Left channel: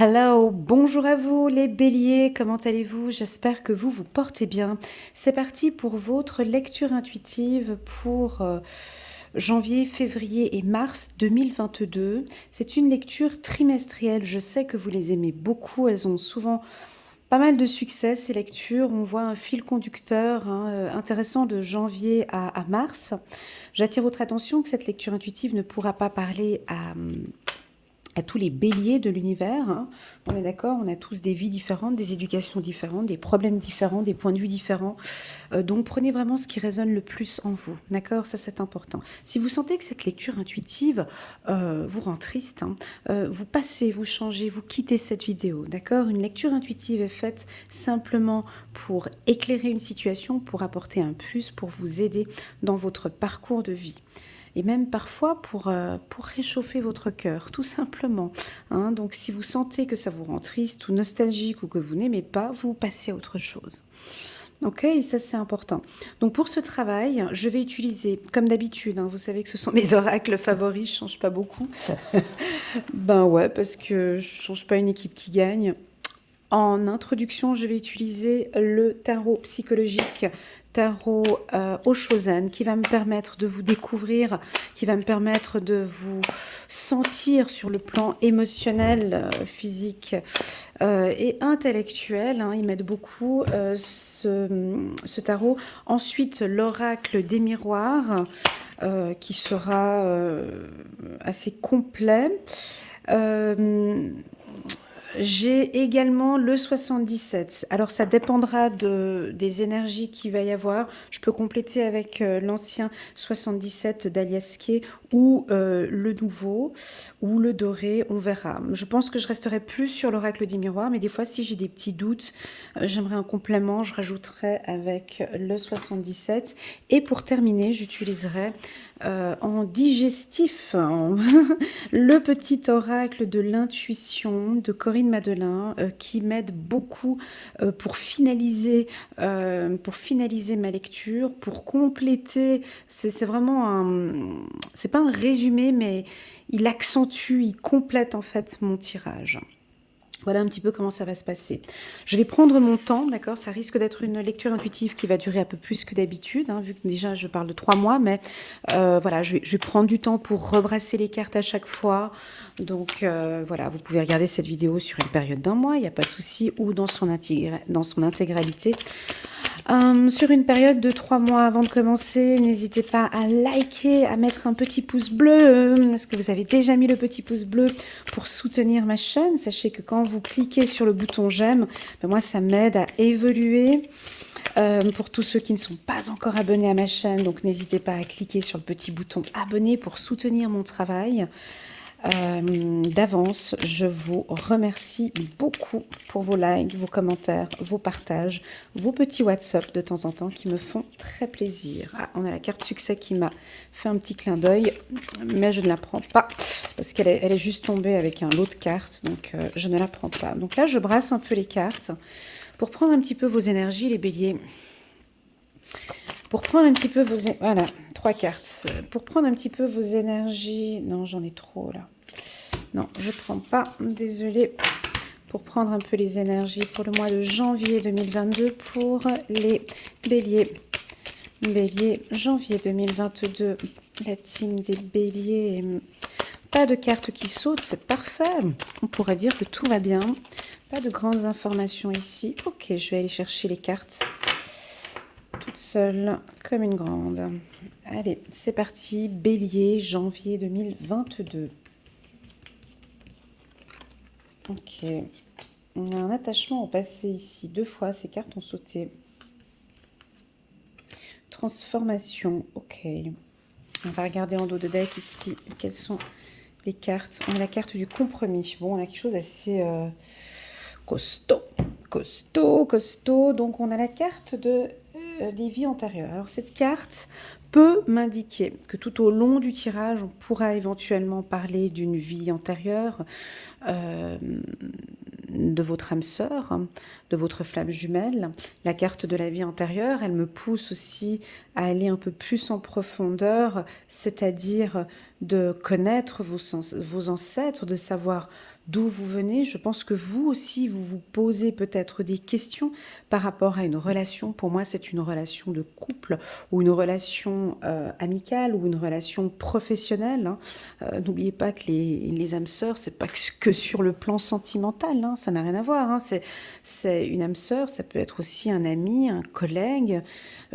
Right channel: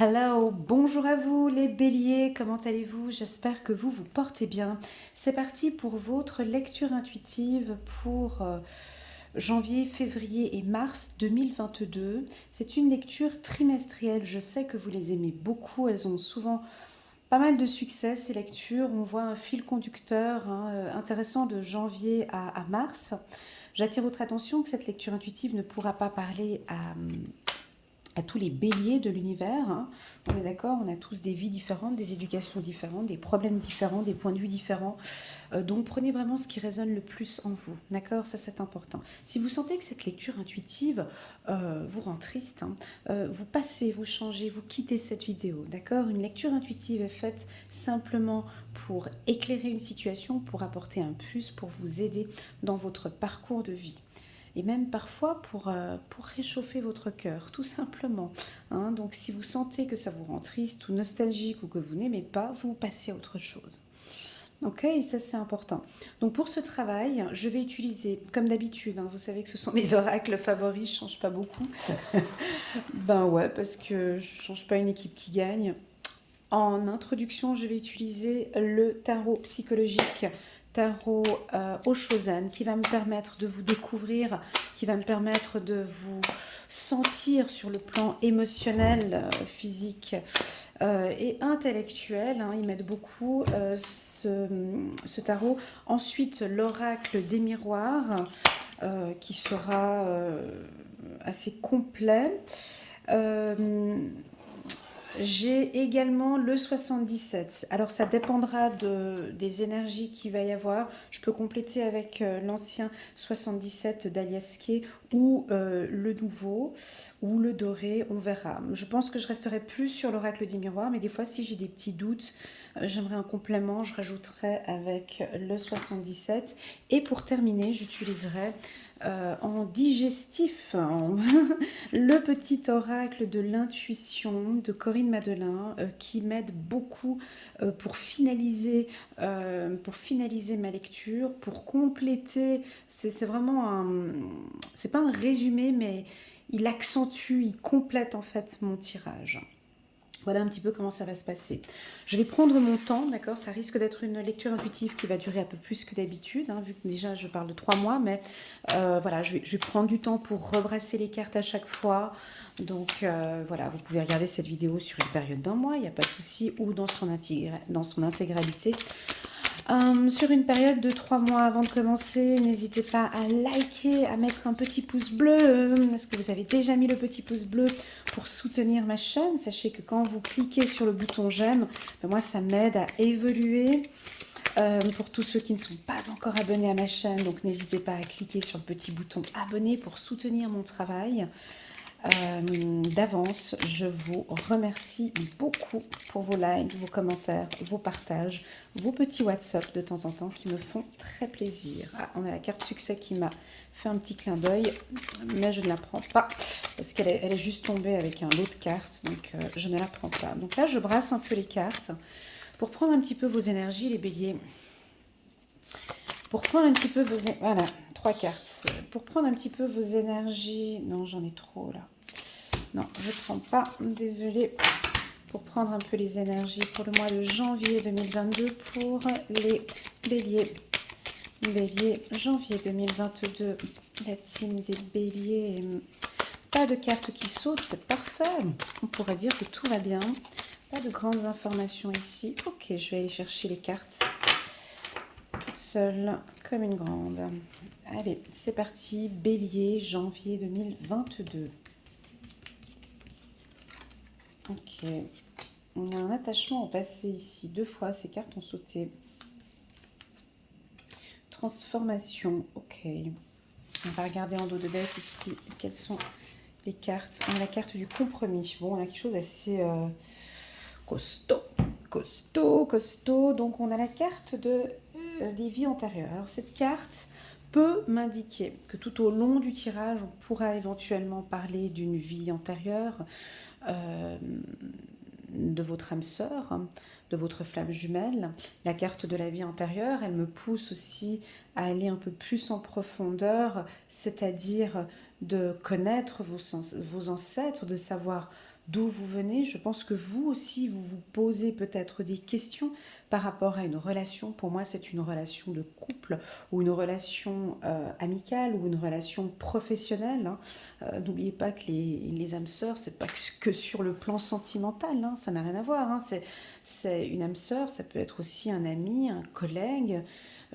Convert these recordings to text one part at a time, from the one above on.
Hello, bonjour à vous les béliers, comment allez-vous? J'espère que vous vous portez bien. C'est parti pour votre lecture intuitive pour janvier, février et mars 2022. C'est une lecture trimestrielle, je sais que vous les aimez beaucoup, elles ont souvent pas mal de succès ces lectures. On voit un fil conducteur intéressant de janvier à mars. J'attire votre attention que cette lecture intuitive ne pourra pas parler à tous les béliers de l'univers. On est d'accord, on a tous des vies différentes, des éducations différentes, des problèmes différents, des points de vue différents. Donc prenez vraiment ce qui résonne le plus en vous. D'accord, ça c'est important. Si vous sentez que cette lecture intuitive vous rend triste, vous passez, vous changez, vous quittez cette vidéo. D'accord, une lecture intuitive est faite simplement pour éclairer une situation, pour apporter un plus, pour vous aider dans votre parcours de vie et même parfois pour réchauffer votre cœur, tout simplement. Donc si vous sentez que ça vous rend triste ou nostalgique ou que vous n'aimez pas, vous passez à autre chose. Ok, et ça c'est important. Donc pour ce travail, je vais utiliser, comme d'habitude, vous savez que ce sont mes oracles favoris, je ne change pas beaucoup. Ben ouais, parce que je ne change pas une équipe qui gagne. En introduction, je vais utiliser le tarot psychologique, tarot Oshozen, qui va me permettre de vous découvrir, qui va me permettre de vous sentir sur le plan émotionnel, physique et intellectuel. Il m'aide beaucoup ce tarot. Ensuite, l'oracle des miroirs, qui sera assez complet. J'ai également le 77. Alors ça dépendra des énergies qu'il va y avoir. Je peux compléter avec l'ancien 77 d'Aliasquet ou le nouveau ou le doré, on verra. Je pense que je resterai plus sur l'oracle des miroirs, mais des fois si j'ai des petits doutes, j'aimerais un complément, je rajouterai avec le 77. Et pour terminer, j'utiliserai en digestif le petit oracle de l'intuition de Corinne Madelin qui m'aide beaucoup pour finaliser ma lecture, pour compléter. C'est vraiment c'est pas un résumé, mais il accentue, il complète en fait mon tirage. Voilà un petit peu comment ça va se passer. Je vais prendre mon temps, d'accord. Ça risque d'être une lecture intuitive qui va durer un peu plus que d'habitude, vu que déjà je parle de 3 mois, mais voilà, je vais prendre du temps pour rebrasser les cartes à chaque fois. Donc voilà, vous pouvez regarder cette vidéo sur une période d'un mois, il n'y a pas de souci, ou dans son intégralité. Sur une période de 3 mois avant de commencer, n'hésitez pas à liker, à mettre un petit pouce bleu. Est-ce que vous avez déjà mis le petit pouce bleu pour soutenir ma chaîne? Sachez que quand vous cliquez sur le bouton j'aime, moi ça m'aide à évoluer. Pour tous ceux qui ne sont pas encore abonnés à ma chaîne, donc n'hésitez pas à cliquer sur le petit bouton abonner pour soutenir mon travail. D'avance, je vous remercie beaucoup pour vos likes, vos commentaires, vos partages, vos petits WhatsApp de temps en temps qui me font très plaisir. Ah, on a la carte succès qui m'a fait un petit clin d'œil, mais je ne la prends pas parce qu'elle est juste tombée avec un lot de cartes, donc je ne la prends pas. Donc là, je brasse un peu les cartes pour prendre un petit peu vos énergies, les béliers. Pour prendre un petit peu vos... Voilà, 3 cartes. Pour prendre un petit peu vos énergies... Non, j'en ai trop, là. Non, je ne prends pas. Désolée. Pour prendre un peu les énergies pour le mois de janvier 2022 pour les béliers. Bélier, janvier 2022. La team des béliers. Pas de cartes qui sautent, c'est parfait. On pourrait dire que tout va bien. Pas de grandes informations ici. Ok, je vais aller chercher les cartes toute seule, comme une grande. Allez, c'est parti. Bélier, janvier 2022. Ok. On a un attachement au passé ici. 2 fois, ces cartes ont sauté. Transformation. Ok. On va regarder en dos de deck ici. Quelles sont les cartes? On a la carte du compromis. Bon, on a quelque chose assez costaud. Costaud. Donc, on a la carte des vies antérieures. Alors, cette carte peut m'indiquer que tout au long du tirage, on pourra éventuellement parler d'une vie antérieure, de votre âme sœur, de votre flamme jumelle. La carte de la vie antérieure, elle me pousse aussi à aller un peu plus en profondeur, c'est-à-dire de connaître vos ancêtres, de savoir d'où vous venez. Je pense que vous aussi, vous vous posez peut-être des questions par rapport à une relation. Pour moi, c'est une relation de couple ou une relation amicale ou une relation professionnelle, hein. N'oubliez pas que les âmes sœurs, c'est pas que sur le plan sentimental, hein, ça n'a rien à voir, hein. C'est une âme sœur, ça peut être aussi un ami, un collègue,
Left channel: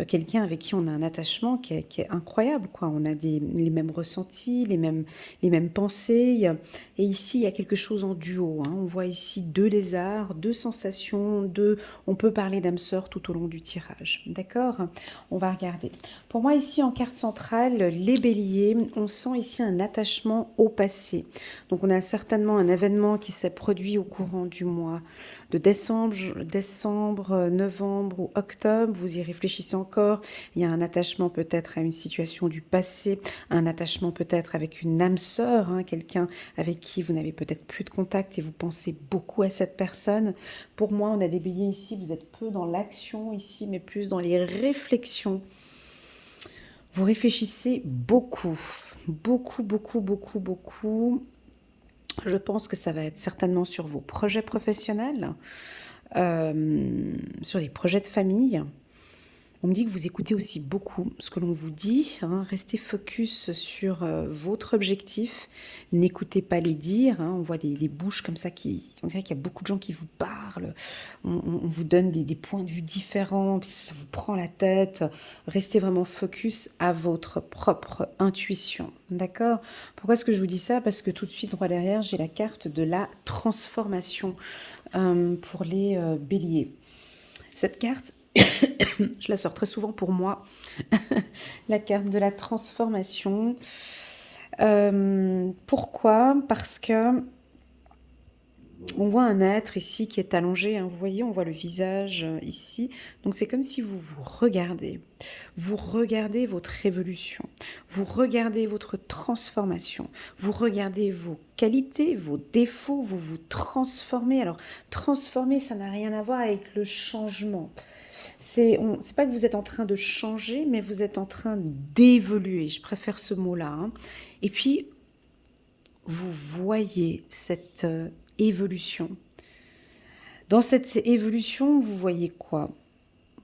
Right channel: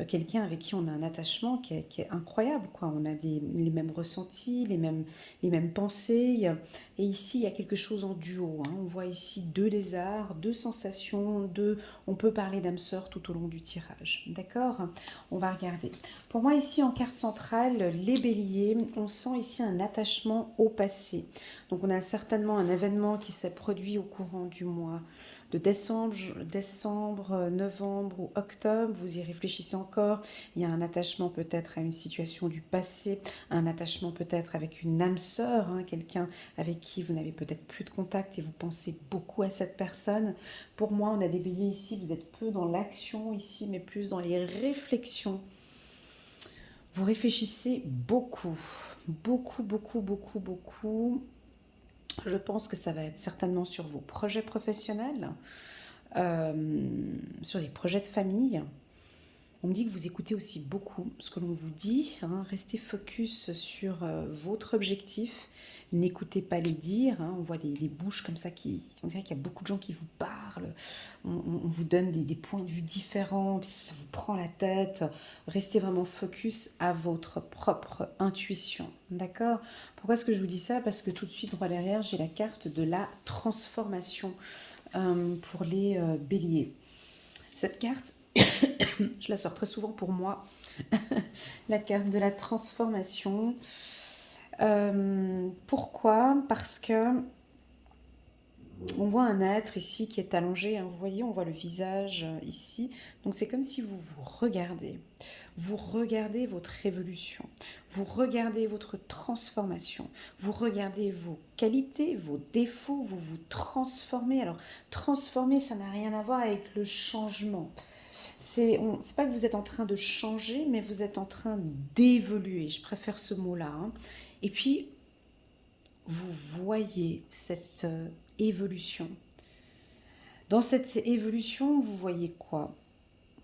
quelqu'un avec qui on a un attachement qui est incroyable, quoi. On a les mêmes ressentis, les mêmes pensées. Et ici, il y a quelque chose en duo, hein. On voit ici deux lézards, deux sensations, deux... On peut parler d'âme sœur tout au long du tirage. D'accord? On va regarder. Pour moi, ici, en carte centrale, les béliers, on sent ici un attachement au passé. Donc, on a certainement un événement qui s'est produit au courant du mois de décembre, novembre ou octobre. Vous y réfléchissez encore. Il y a un attachement peut-être à une situation du passé, un attachement peut-être avec une âme sœur, hein, quelqu'un avec qui vous n'avez peut-être plus de contact et vous pensez beaucoup à cette personne. Pour moi, on a des béliers ici, vous êtes peu dans l'action ici, mais plus dans les réflexions. Vous réfléchissez beaucoup, beaucoup, beaucoup, beaucoup, beaucoup. Je pense que ça va être certainement sur vos projets professionnels, sur les projets de famille. On me dit que vous écoutez aussi beaucoup ce que l'on vous dit, hein. Restez focus sur votre objectif. N'écoutez pas les dires, hein. On voit des bouches comme ça on dirait qu'il y a beaucoup de gens qui vous parlent. On vous donne des points de vue différents, puis ça vous prend la tête. Restez vraiment focus à votre propre intuition. D'accord? Pourquoi est-ce que je vous dis ça? Parce que tout de suite, droit derrière, j'ai la carte de la transformation pour les béliers. Cette carte, je la sors très souvent pour moi, la carte de la transformation. Pourquoi? Parce que on voit un être ici qui est allongé, hein. Vous voyez, on voit le visage ici. Donc c'est comme si vous vous regardez. Vous regardez votre évolution. Vous regardez votre transformation. Vous regardez vos qualités, vos défauts. Vous vous transformez. Alors, transformer, ça n'a rien à voir avec le changement. C'est pas que vous êtes en train de changer, mais vous êtes en train d'évoluer. Je préfère ce mot-là, hein. Et puis, vous voyez cette évolution. Dans cette évolution, vous voyez quoi?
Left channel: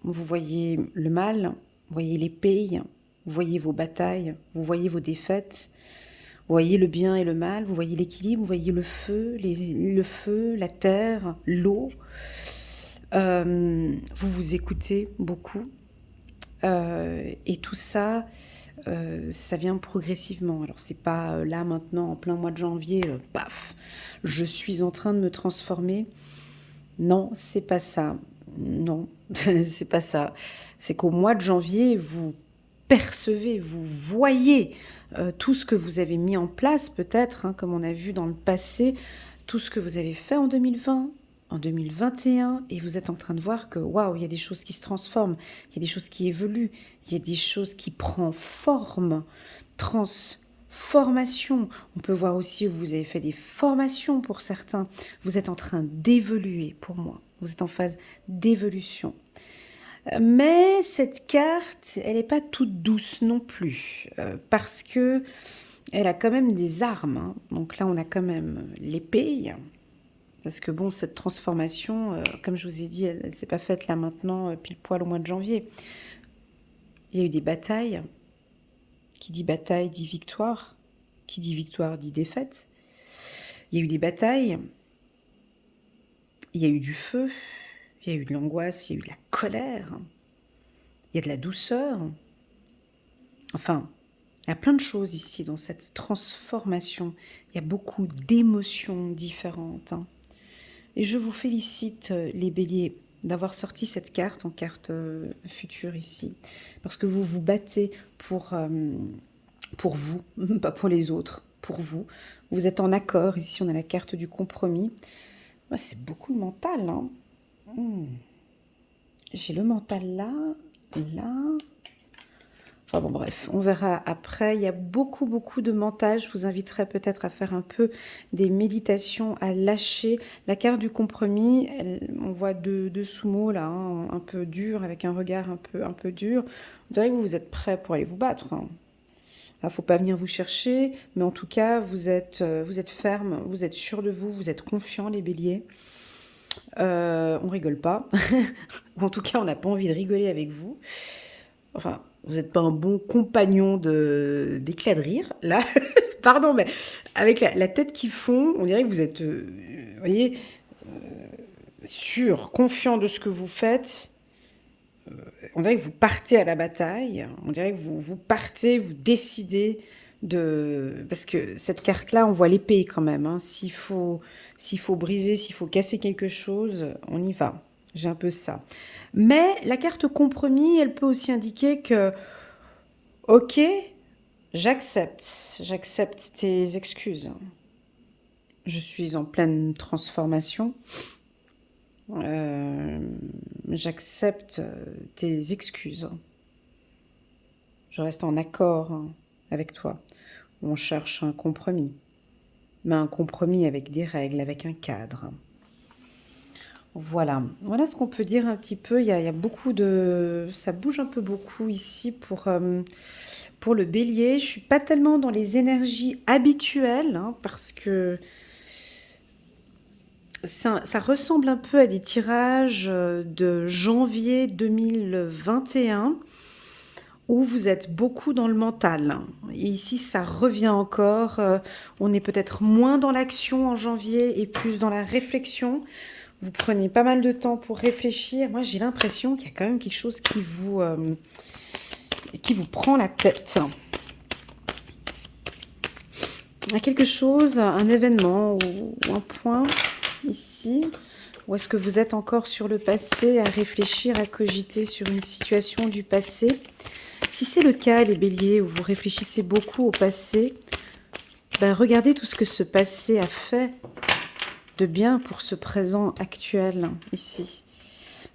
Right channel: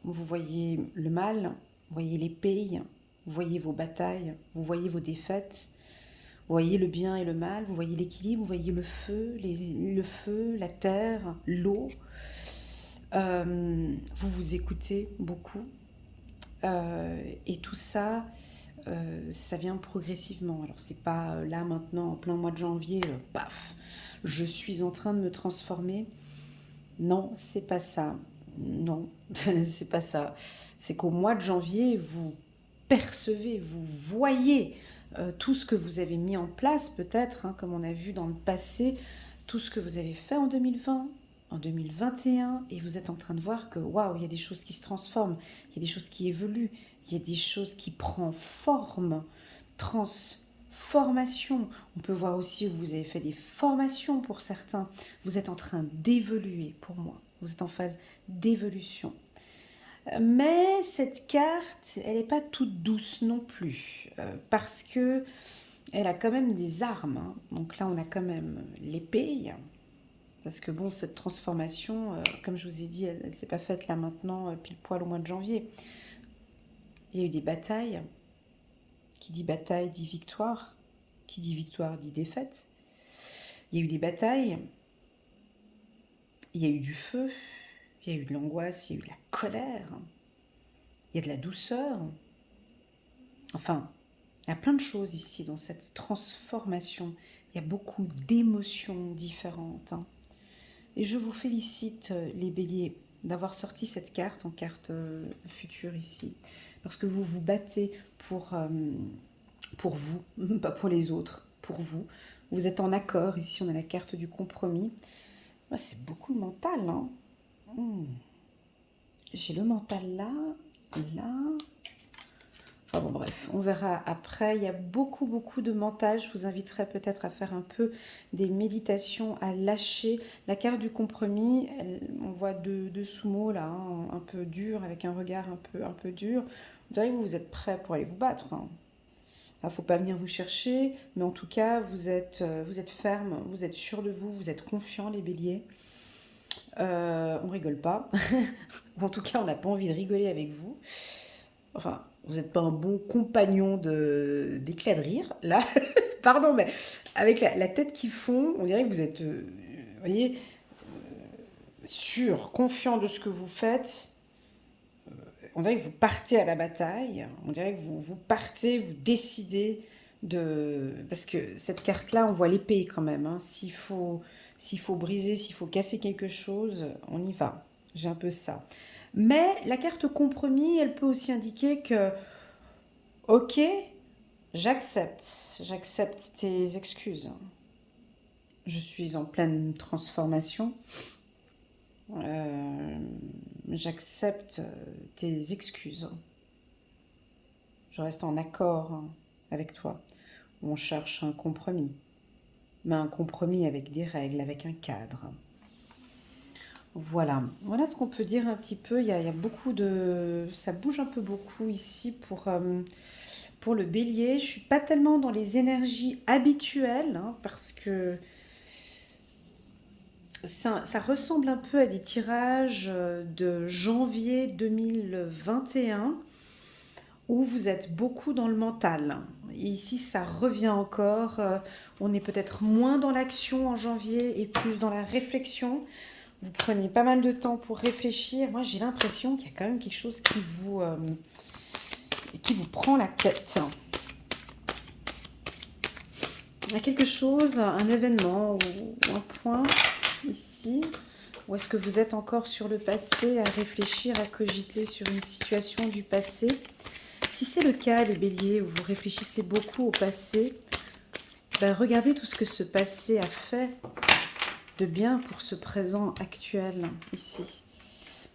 Vous voyez le mal, vous voyez l'épée, vous voyez vos batailles, vous voyez vos défaites, vous voyez le bien et le mal, vous voyez l'équilibre, vous voyez le feu, la terre, l'eau. Vous vous écoutez beaucoup. Et tout ça, ça vient progressivement. Alors c'est pas là maintenant en plein mois de janvier, paf, je suis en train de me transformer. Non, c'est pas ça. Non, c'est pas ça. C'est qu'au mois de janvier, vous percevez, vous voyez tout ce que vous avez mis en place peut-être, hein, comme on a vu dans le passé, tout ce que vous avez fait en 2020, en 2021, et vous êtes en train de voir que waouh, il y a des choses qui se transforment, il y a des choses qui évoluent, il y a des choses qui prennent forme, transformation. On peut voir aussi que vous avez fait des formations pour certains. Vous êtes en train d'évoluer pour moi. Vous êtes en phase d'évolution. Mais cette carte, elle n'est pas toute douce non plus, parce que elle a quand même des armes, hein. Donc là, on a quand même l'épée. Parce que bon, cette transformation, comme je vous ai dit, elle ne s'est pas faite là maintenant, pile poil au mois de janvier. Il y a eu des batailles. Qui dit bataille dit victoire. Qui dit victoire dit défaite. Il y a eu des batailles. Il y a eu du feu. Il y a eu de l'angoisse. Il y a eu de la colère. Il y a de la douceur. Enfin, il y a plein de choses ici dans cette transformation. Il y a beaucoup d'émotions différentes, hein. Et je vous félicite, les béliers, d'avoir sorti cette carte en carte future ici. Parce que vous vous battez pour vous, pas pour les autres, pour vous. Vous êtes en accord. Ici, on a la carte du compromis. Moi, c'est beaucoup le mental, hein. J'ai le mental là, là. Enfin bon, bref, on verra après. Il y a beaucoup, beaucoup de mental. Je vous inviterai peut-être à faire un peu des méditations, à lâcher. La carte du compromis, on voit deux sous-mots là, hein, un peu dur, avec un regard un peu dur. Vous dirait que vous êtes prêts pour aller vous battre, hein. Il ne faut pas venir vous chercher, mais en tout cas, vous êtes ferme, vous êtes sûr de vous, vous êtes confiant, les béliers. On rigole pas. En tout cas, on n'a pas envie de rigoler avec vous. Enfin, vous n'êtes pas un bon compagnon d'éclat de rire. Là, pardon, mais avec la tête qui fond, on dirait que vous êtes, vous voyez, sûr, confiant de ce que vous faites. On dirait que vous partez à la bataille. On dirait que vous partez, vous décidez de... Parce que cette carte-là, on voit l'épée quand même. Hein. S'il faut briser, s'il faut casser quelque chose, on y va. J'ai un peu ça. Mais la carte compromis, elle peut aussi indiquer que, ok, j'accepte tes excuses. Je suis en pleine transformation. J'accepte tes excuses. Je reste en accord avec toi. On cherche un compromis. Mais un compromis avec des règles, avec un cadre. Voilà. Voilà ce qu'on peut dire un petit peu. Il y a beaucoup de... Ça bouge un peu beaucoup ici pour le bélier. Je ne suis pas tellement dans les énergies habituelles, hein, parce que ça ressemble un peu à des tirages de janvier 2021 où vous êtes beaucoup dans le mental. Et ici, ça revient encore. On est peut-être moins dans l'action en janvier et plus dans la réflexion. Vous prenez pas mal de temps pour réfléchir. Moi, j'ai l'impression qu'il y a quand même quelque chose qui vous prend la tête. Il y a quelque chose, un événement ou un point ici. Ou est-ce que vous êtes encore sur le passé, à réfléchir, à cogiter sur une situation du passé? Si c'est le cas, les béliers, où vous réfléchissez beaucoup au passé, ben regardez tout ce que ce passé a fait de bien pour ce présent actuel, ici.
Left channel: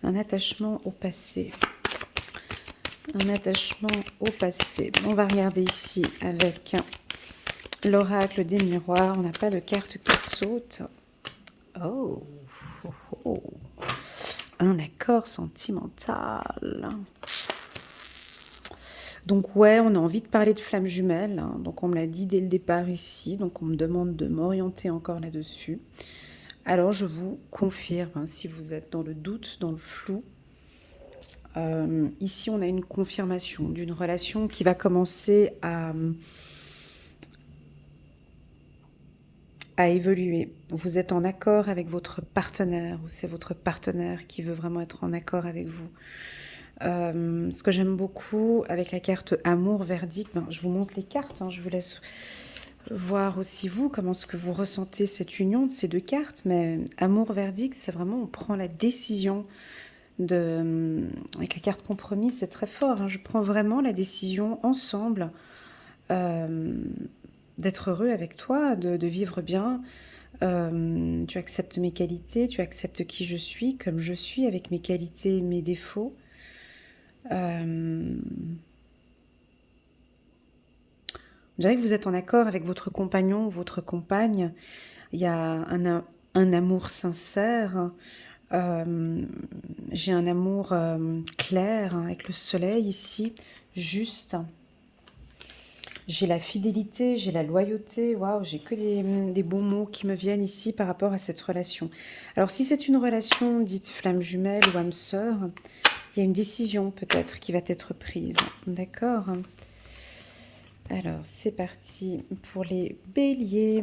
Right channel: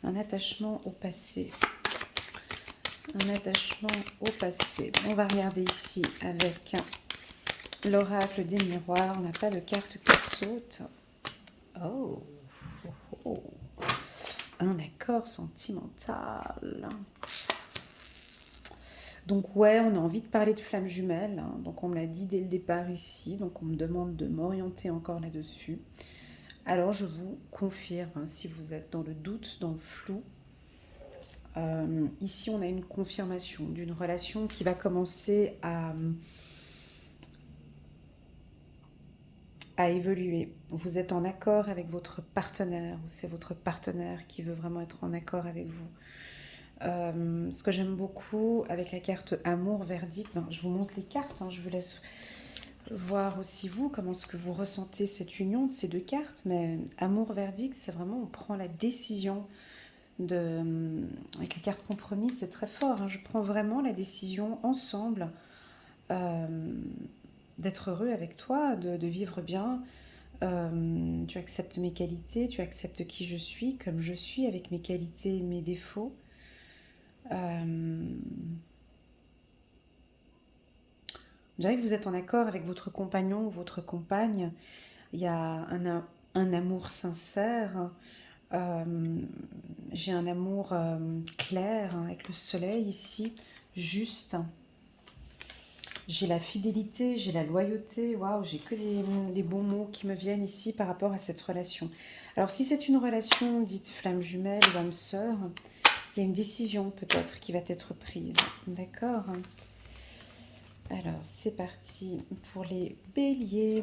Un attachement au passé. Un attachement au passé. On va regarder ici avec l'oracle des miroirs. On n'a pas de carte qui saute. Oh, oh, oh. Un accord sentimental. Donc ouais, on a envie de parler de flammes jumelles. Hein. Donc on me l'a dit dès le départ ici. Donc on me demande de m'orienter encore là-dessus. Alors je vous confirme, hein, si vous êtes dans le doute, dans le flou, ici on a une confirmation d'une relation qui va commencer à évoluer. Vous êtes en accord avec votre partenaire ou c'est votre partenaire qui veut vraiment être en accord avec vous. Ce que j'aime beaucoup avec la carte amour verdict, ben, je vous montre les cartes, hein, je vous laisse voir aussi vous comment est-ce que vous ressentez cette union de ces deux cartes, mais amour verdict, c'est vraiment on prend la décision avec la carte compromis, c'est très fort, hein, je prends vraiment la décision ensemble d'être heureux avec toi, de vivre bien. Tu acceptes mes qualités, tu acceptes qui je suis, comme je suis, avec mes qualités et mes défauts. Je dirais que vous êtes en accord avec votre compagnon ou votre compagne. Il y a un amour sincère. J'ai un amour clair, hein, avec le soleil ici, juste. J'ai la fidélité, j'ai la loyauté. Waouh, j'ai que des bons mots qui me viennent ici par rapport à cette relation. Alors, si c'est une relation dite flamme jumelle ou âme sœur, il y a une décision peut-être qui va être prise. D'accord ? Alors, c'est parti pour les béliers.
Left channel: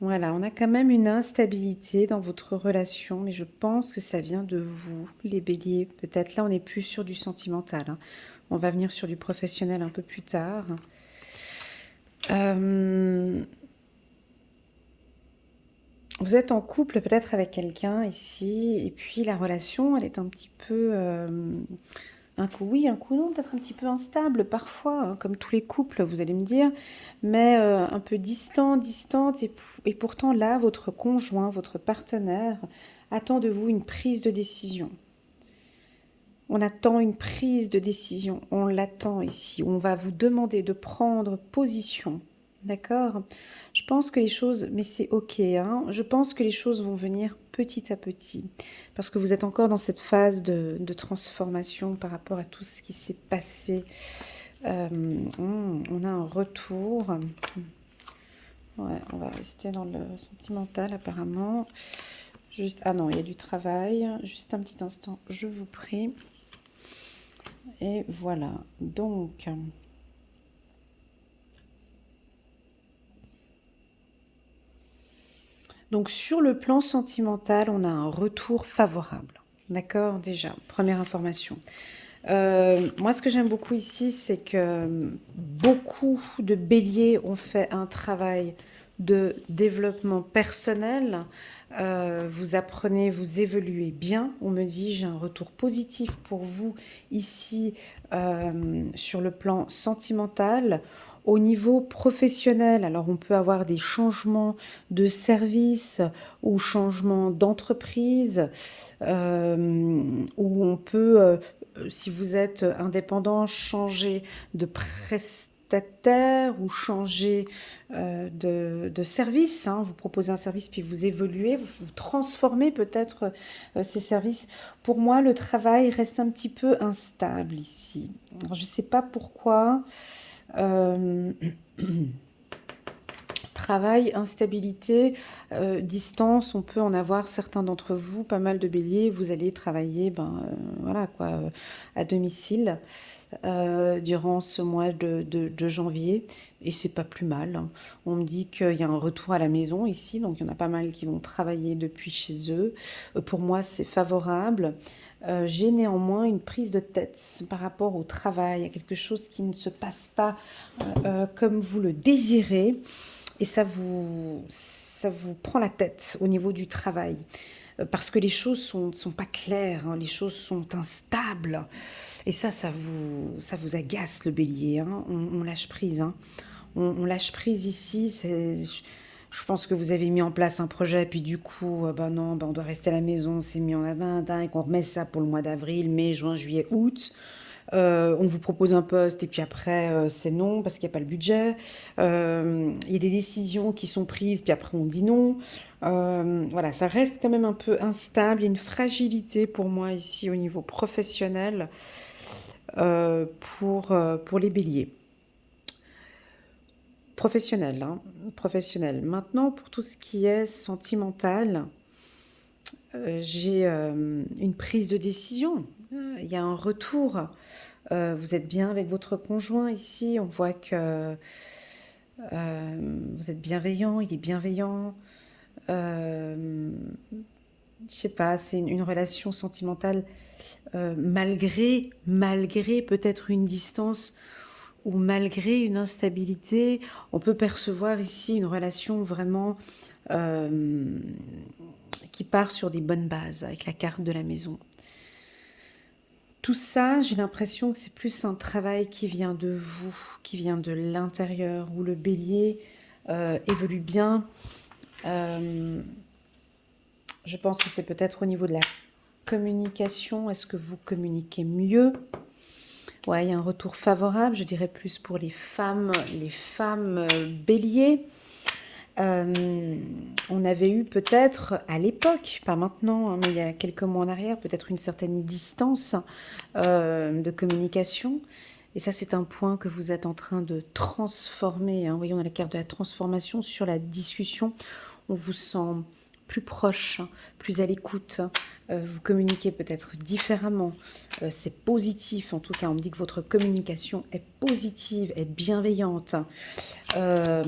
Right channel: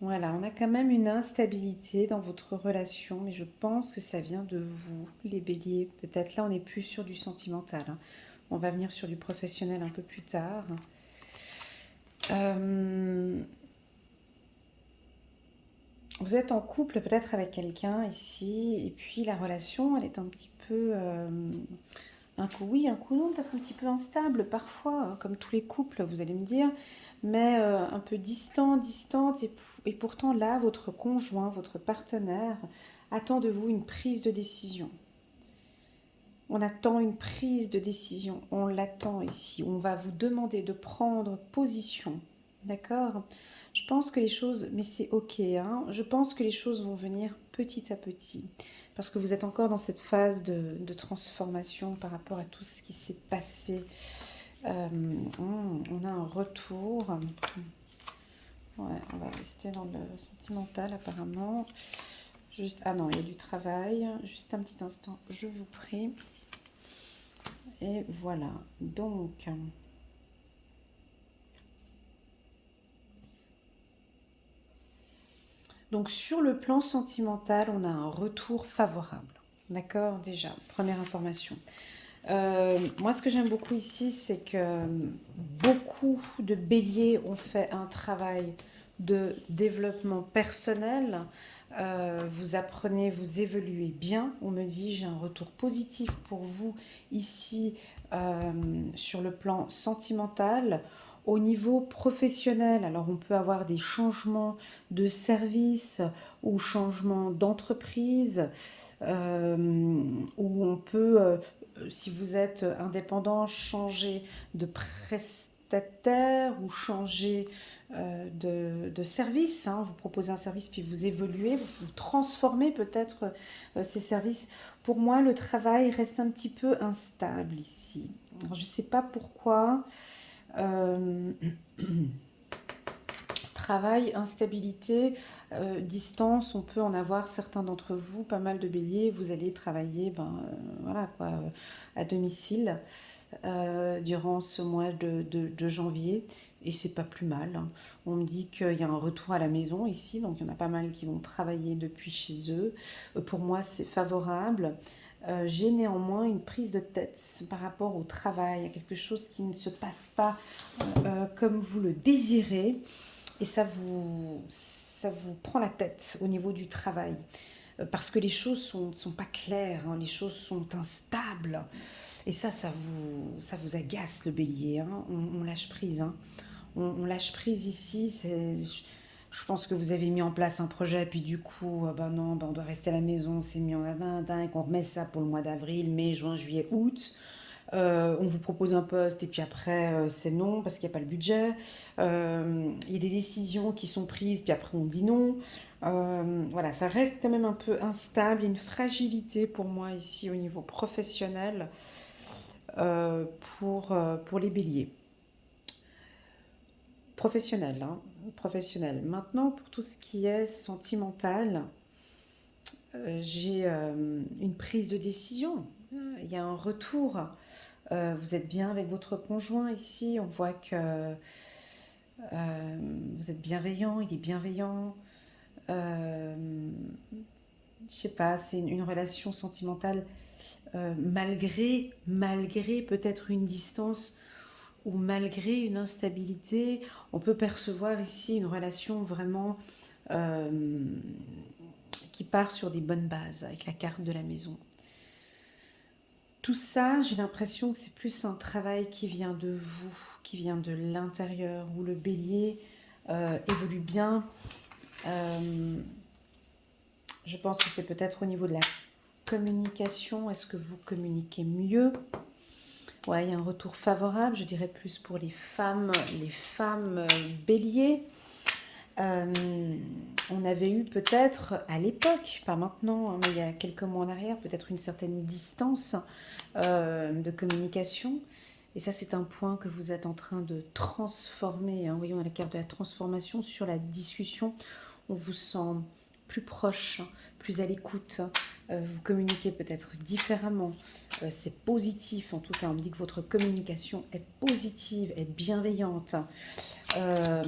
Voilà, on a quand même une instabilité dans votre relation, mais je pense que ça vient de vous, les béliers. Peut-être là, on n'est plus sur du sentimental. Hein. On va venir sur du professionnel un peu plus tard. Vous êtes en couple peut-être avec quelqu'un ici, et puis la relation, elle est un petit peu... un coup oui, un coup non, peut-être un petit peu instable parfois, hein, comme tous les couples, vous allez me dire, mais un peu distante, et pourtant là, votre conjoint, votre partenaire attend de vous une prise de décision. On attend une prise de décision, on l'attend ici, on va vous demander de prendre position, d'accord ? Je pense que les choses, mais c'est ok, hein, je pense que les choses vont venir petit à petit, parce que vous êtes encore dans cette phase de transformation par rapport à tout ce qui s'est passé On a un retour. Ouais, on va rester dans le sentimental apparemment. Juste, ah non, il y a du travail. Juste un petit instant, je vous prie. Et voilà. Donc sur le plan sentimental, on a un retour favorable. D'accord, déjà, première information. Moi, ce que j'aime beaucoup ici, c'est que beaucoup de béliers ont fait un travail de développement personnel. Vous apprenez, vous évoluez bien. On me dit, j'ai un retour positif pour vous ici sur le plan sentimental. Au niveau professionnel, alors on peut avoir des changements de service ou changements d'entreprise, où on peut si vous êtes indépendant, changer de prestataire ou changer de service. Hein. Vous proposez un service puis vous évoluez, vous transformez peut-être ces services. Pour moi, le travail reste un petit peu instable ici. Alors, je ne sais pas pourquoi. Euh, Travail, instabilité, distance, on peut en avoir certains d'entre vous, pas mal de béliers, vous allez travailler voilà, quoi, à domicile durant ce mois de janvier et c'est pas plus mal. Hein. On me dit qu'il y a un retour à la maison ici, donc il y en a pas mal qui vont travailler depuis chez eux. Pour moi, c'est favorable. J'ai néanmoins une prise de tête par rapport au travail, à quelque chose qui ne se passe pas comme vous le désirez et ça vous prend la tête au niveau du travail parce que les choses sont pas claires, hein, les choses sont instables et ça vous agace le bélier, hein, on lâche prise, hein. On lâche prise ici, je pense que vous avez mis en place un projet, puis du coup, ben non, ben on doit rester à la maison, c'est mis en adin, et qu'on remet ça pour le mois d'avril, mai, juin, juillet, août. On vous propose un poste et puis après c'est non parce qu'il n'y a pas le budget. Il y a des décisions qui sont prises puis après on dit non. Voilà, ça reste quand même un peu instable. Il y a une fragilité pour moi ici au niveau professionnel pour les béliers. Professionnel, hein, professionnel. Maintenant, pour tout ce qui est sentimental, j'ai une prise de décision. Il y a un retour. Vous êtes bien avec votre conjoint ici. On voit que vous êtes bienveillant, il est bienveillant. Euh, je sais pas, c'est une relation sentimentale malgré peut-être une distance ou malgré une instabilité. On peut percevoir ici une relation vraiment euh, qui part sur des bonnes bases avec la carte de la maison. Tout ça, j'ai l'impression que c'est plus un travail qui vient de vous, qui vient de l'intérieur, où le bélier évolue bien. Euh, je pense que c'est peut-être au niveau de la communication. Est-ce que vous communiquez mieux? Ouais, il y a un retour favorable, je dirais plus pour les femmes béliers. On avait eu peut-être à l'époque, pas maintenant, hein, mais il y a quelques mois en arrière, peut-être une certaine distance de communication. Et ça, c'est un point que vous êtes en train de transformer. Hein. Vous voyez, on a la carte de la transformation sur la discussion. On vous sent plus proche, plus à l'écoute. Vous communiquez peut-être différemment. C'est positif, en tout cas, on me dit que votre communication est positive, est bienveillante. Euh,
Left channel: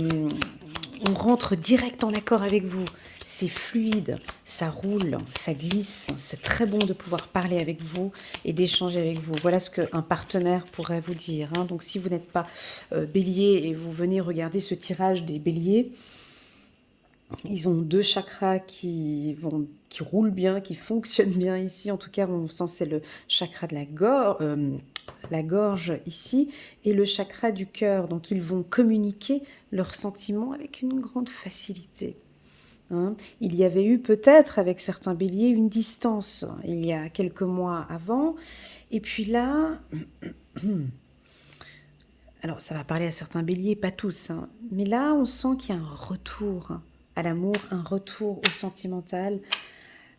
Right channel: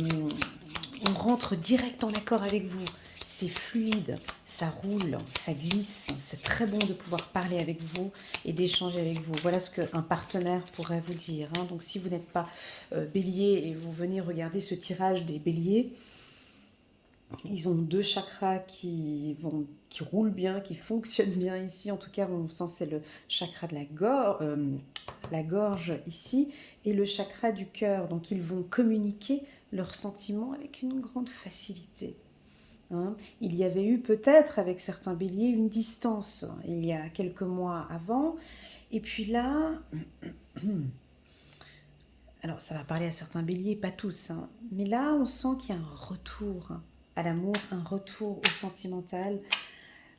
on rentre direct en accord avec vous. C'est fluide, ça roule, ça glisse. C'est très bon de pouvoir parler avec vous et d'échanger avec vous. Voilà ce qu'un partenaire pourrait vous dire. Hein. Donc si vous n'êtes pas bélier et vous venez regarder ce tirage des béliers, ils ont deux chakras qui roulent bien, qui fonctionnent bien ici. En tout cas, on sent c'est le chakra de la gorge ici et le chakra du cœur. Donc, ils vont communiquer leurs sentiments avec une grande facilité. Hein. Il y avait eu peut-être avec certains béliers une distance il y a quelques mois avant. Et puis là, alors ça va parler à certains béliers, pas tous, hein, mais là on sent qu'il y a un retour à l'amour, un retour au sentimental,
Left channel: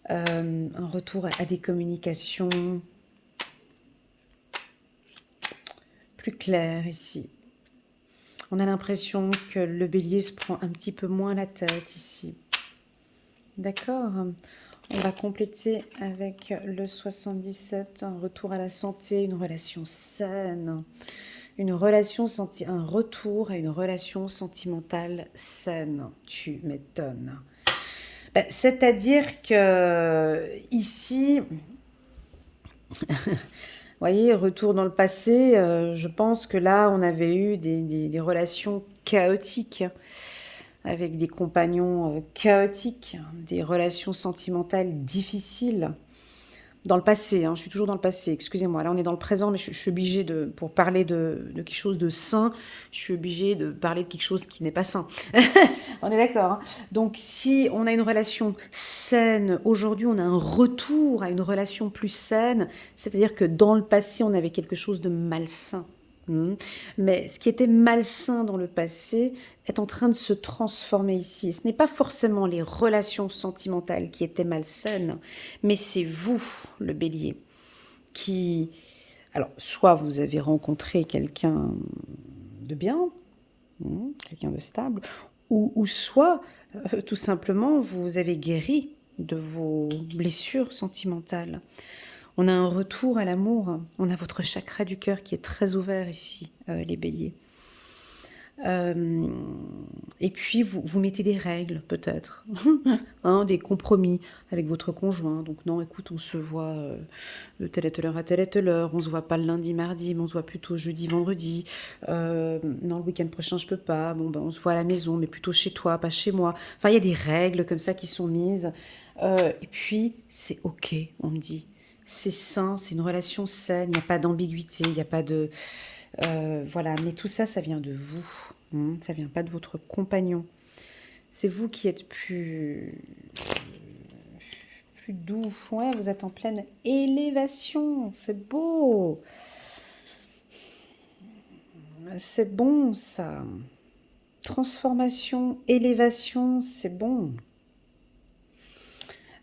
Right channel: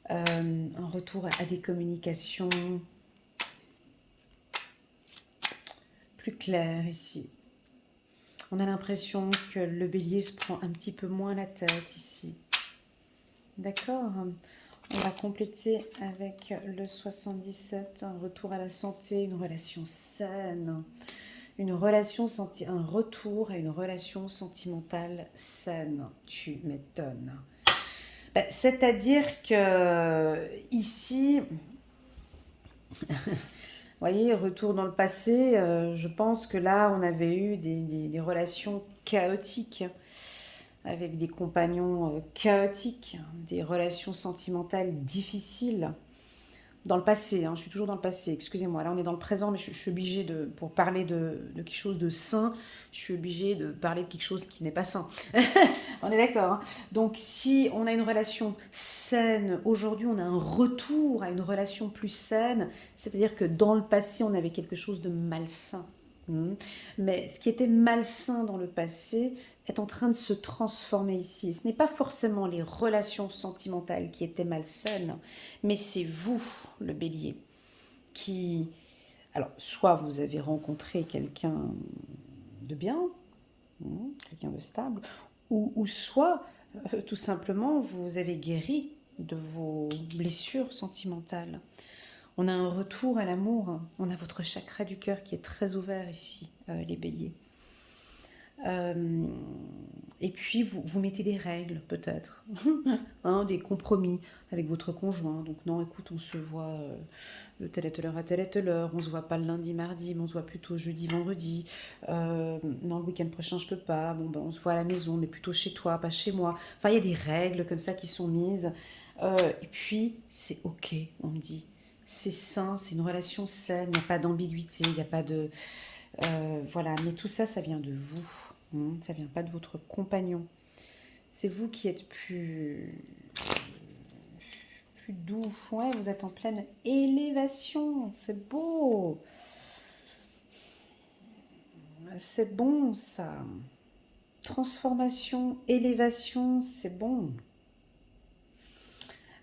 un retour à des communications plus clair ici. On a l'impression que le bélier se prend un petit peu moins la tête ici. D'accord. On va compléter avec le 77, un retour à la santé, une relation saine, un retour à une relation sentimentale saine. Tu m'étonnes. Ben, c'est-à-dire que ici, vous voyez, retour dans le passé, je pense que là, on avait eu des relations chaotiques, avec des compagnons chaotiques, des relations sentimentales difficiles. Dans le passé, hein, je suis toujours dans le passé, excusez-moi. Là, on est dans le présent, mais je suis obligée pour parler de quelque chose de sain, je suis obligée de parler de quelque chose qui n'est pas sain. On est d'accord, hein. Donc, si on a une relation saine, aujourd'hui, on a un retour à une relation plus saine, c'est-à-dire que dans le passé, on avait quelque chose de malsain. Mais ce qui était malsain dans le passé est en train de se transformer ici. Et ce n'est pas forcément les relations sentimentales qui étaient malsaines, mais c'est vous, le bélier, qui... Alors, soit vous avez rencontré quelqu'un de bien, quelqu'un de stable, ou soit, tout simplement, vous avez guéri de vos blessures sentimentales. On a un retour à l'amour, on a votre chakra du cœur qui est très ouvert ici, les béliers. Et puis, vous mettez des règles, peut-être, hein, des compromis avec votre conjoint. Donc, non, écoute, on se voit de telle et telle heure à telle et telle heure. On ne se voit pas le lundi, mardi, mais on se voit plutôt jeudi, vendredi. Non, le week-end prochain, je peux pas. Bon, ben, on se voit à la maison, mais plutôt chez toi, pas chez moi. Enfin, il y a des règles comme ça qui sont mises. Et puis, c'est OK, on me dit. C'est sain, c'est une relation saine, il n'y a pas d'ambiguïté, il n'y a pas de... voilà, mais tout ça, ça vient de vous. Ça vient pas de votre compagnon. C'est vous qui êtes plus doux. Ouais, vous êtes en pleine élévation. C'est beau. C'est bon, ça. Transformation, élévation, c'est bon.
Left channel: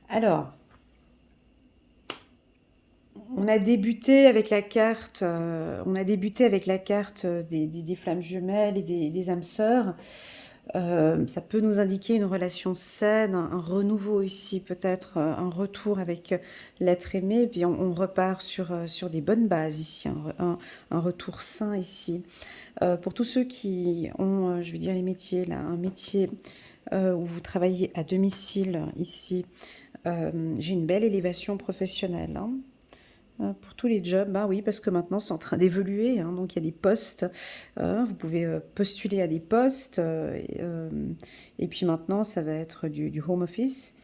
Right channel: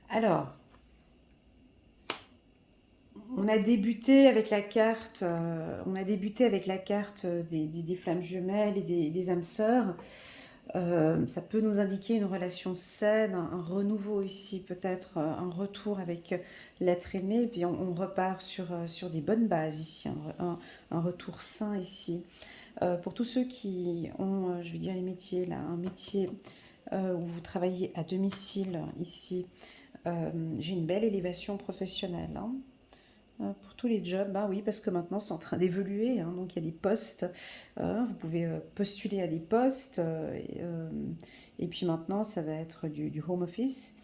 Alors, on a débuté avec la carte, des flammes jumelles et des âmes sœurs. Ça peut nous indiquer une relation saine, un renouveau ici, peut-être un retour avec l'être aimé. Puis on repart sur des bonnes bases ici, un retour sain ici. Pour tous ceux qui ont, je vais dire les métiers là, un métier où vous travaillez à domicile ici, j'ai une belle élévation professionnelle, hein. Pour tous les jobs, bah oui, parce que maintenant c'est en train d'évoluer, hein, donc il y a des postes, vous pouvez postuler à des postes, et puis maintenant ça va être du home office,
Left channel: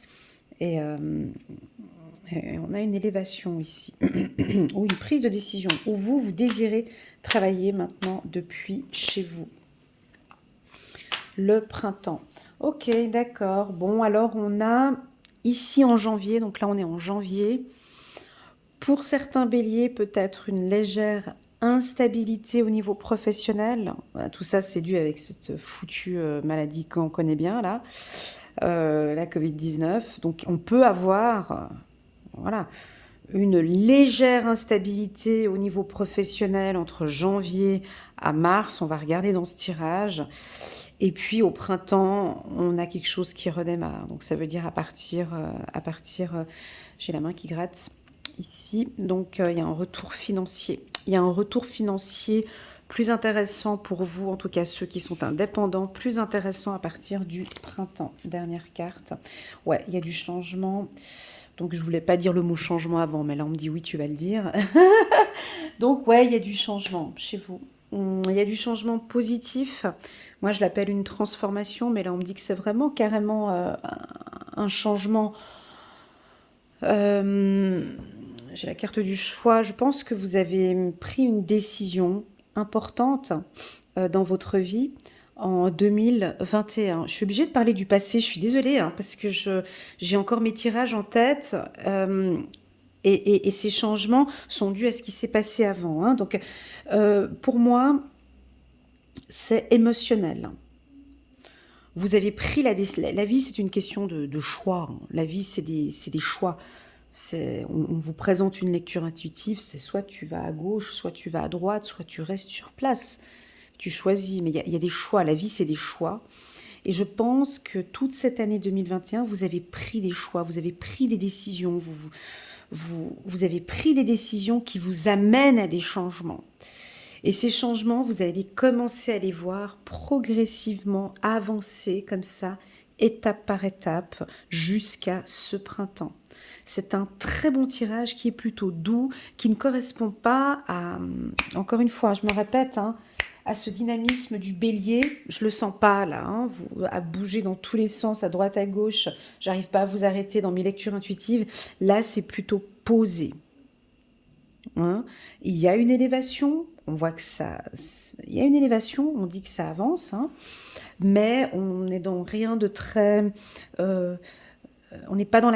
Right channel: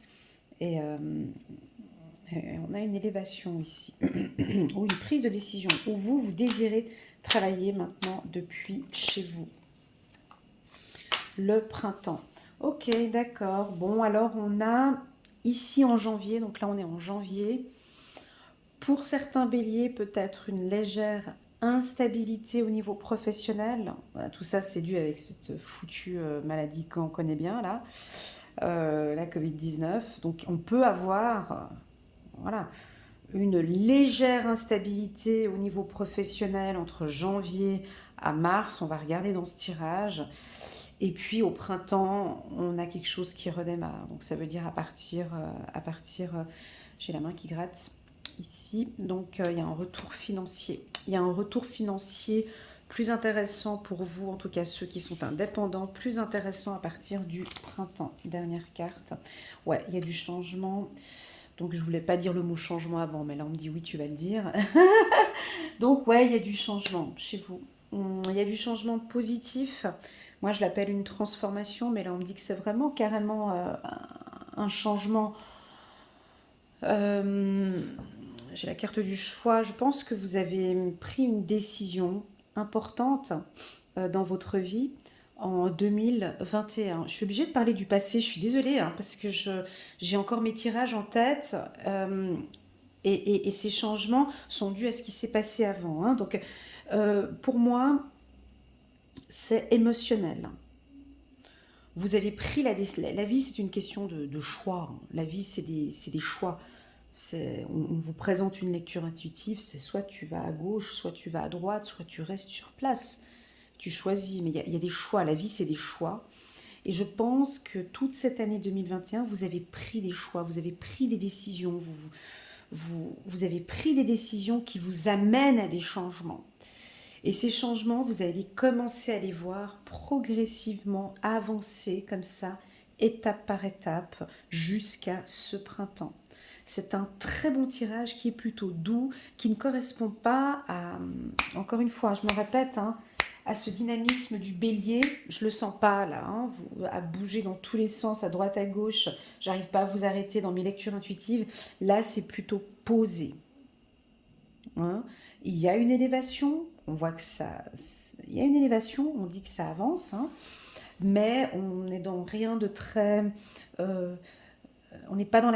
et, et on a une élévation ici, ou une prise de décision, où vous désirez travailler maintenant depuis chez vous. Le printemps. Ok, d'accord. Bon, alors on a ici en janvier, donc là on est en janvier. Pour certains béliers, peut-être une légère instabilité au niveau professionnel. Tout ça, c'est dû avec cette foutue maladie qu'on connaît bien, là, la Covid-19. Donc, on peut avoir voilà, une légère instabilité au niveau professionnel entre janvier à mars. On va regarder dans ce tirage. Et puis, au printemps, on a quelque chose qui redémarre. Donc, ça veut dire à partir j'ai la main qui gratte ici, donc il y a un retour financier. Il y a un retour financier plus intéressant pour vous, en tout cas ceux qui sont indépendants, plus intéressant à partir du printemps. Dernière carte. Ouais, il y a du changement. Donc je voulais pas dire le mot changement avant, mais là on me dit oui, tu vas le dire. Donc ouais, il y a du changement chez vous. Il y a du changement positif. Moi je l'appelle une transformation, mais là on me dit que c'est vraiment carrément un changement. J'ai la carte du choix. Je pense que vous avez pris une décision importante dans votre vie en 2021. Je suis obligée de parler du passé, je suis désolée, hein, parce que j'ai encore mes tirages en tête. Et ces changements sont dus à ce qui s'est passé avant, hein. Donc, pour moi, c'est émotionnel. Vous avez pris la vie, c'est une question de choix. La vie, c'est des choix. On vous présente une lecture intuitive, c'est soit tu vas à gauche, soit tu vas à droite, soit tu restes sur place. Tu choisis, mais il y a des choix. La vie, c'est des choix. Et je pense que toute cette année 2021, vous avez pris des choix, vous avez pris des décisions, vous avez pris des décisions qui vous amènent à des changements. Et ces changements, vous allez commencer à les voir progressivement avancer comme ça, étape par étape, jusqu'à ce printemps. C'est un très bon tirage qui est plutôt doux, qui ne correspond pas à, encore une fois, je me répète, hein, à ce dynamisme du bélier. Je le sens pas là, hein, à bouger dans tous les sens, à droite, à gauche. J'arrive pas à vous arrêter dans mes lectures intuitives. Là, c'est plutôt posé. Hein. Il y a une élévation, on voit que ça... Il y a une élévation, on dit que ça avance, hein, mais on n'est dans rien de très... on n'est pas dans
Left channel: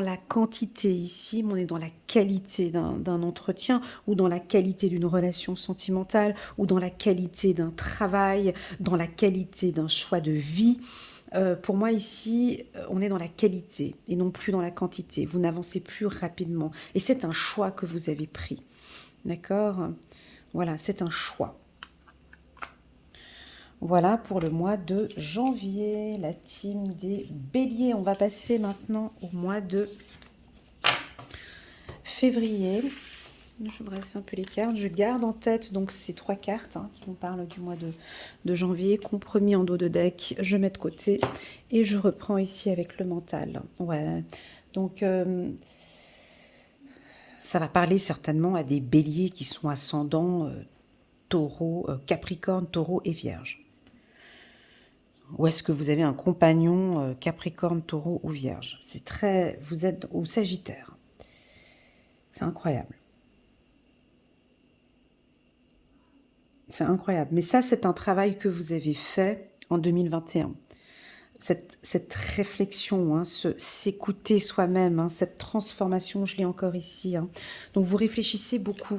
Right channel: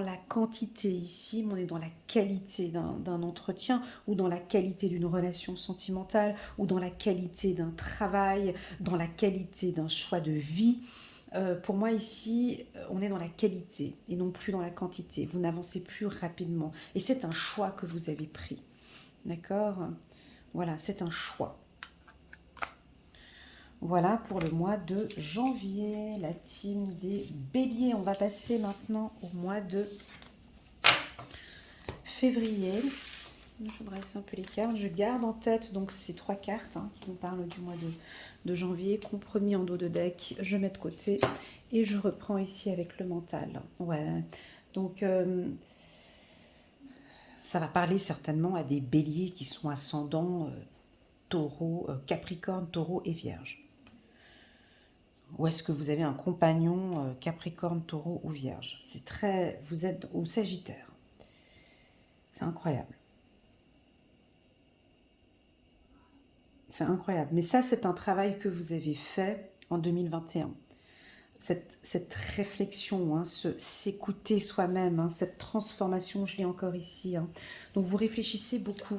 la quantité ici, mais on est dans la qualité d'un entretien, ou dans la qualité d'une relation sentimentale, ou dans la qualité d'un travail, dans la qualité d'un choix de vie. Pour moi ici, on est dans la qualité et non plus dans la quantité. Vous n'avancez plus rapidement. Et c'est un choix que vous avez pris. D'accord? Voilà, c'est un choix. Voilà pour le mois de janvier, la team des béliers. On va passer maintenant au mois de février. Je dresse un peu les cartes. Je garde en tête donc ces 3 cartes. Hein. On parle du mois de janvier, compromis en dos de deck. Je mets de côté et je reprends ici avec le mental. Ouais. Donc, ça va parler certainement à des béliers qui sont ascendants taureau, capricorne, taureau et vierge. Ou est-ce que vous avez un compagnon capricorne, taureau ou vierge? C'est très... Vous êtes au sagittaire. C'est incroyable. C'est incroyable. Mais ça, c'est un travail que vous avez fait en 2021. Cette réflexion, hein, s'écouter soi-même, hein, cette transformation, je l'ai encore ici. Hein. Donc vous réfléchissez beaucoup,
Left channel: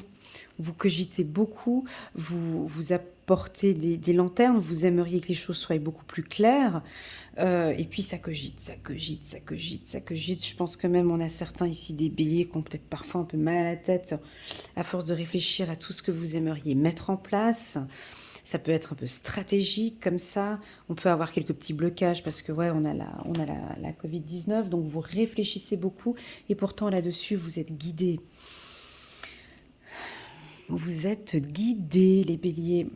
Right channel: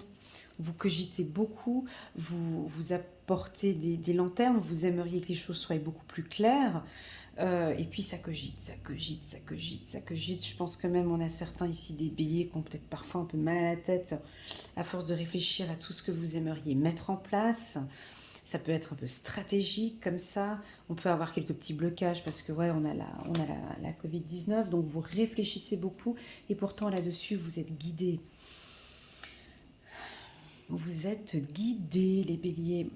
vous cogitez beaucoup, vous apportez des lanternes, vous aimeriez que les choses soient beaucoup plus claires. Et puis ça cogite, ça cogite, ça cogite, ça cogite. Je pense que même on a certains ici des béliers qui ont peut-être parfois un peu mal à la tête à force de réfléchir à tout ce que vous aimeriez mettre en place. Ça peut être un peu stratégique comme ça. On peut avoir quelques petits blocages parce que ouais, on a la Covid-19, donc vous réfléchissez beaucoup et pourtant là-dessus, vous êtes guidés. Vous êtes guidés, les béliers.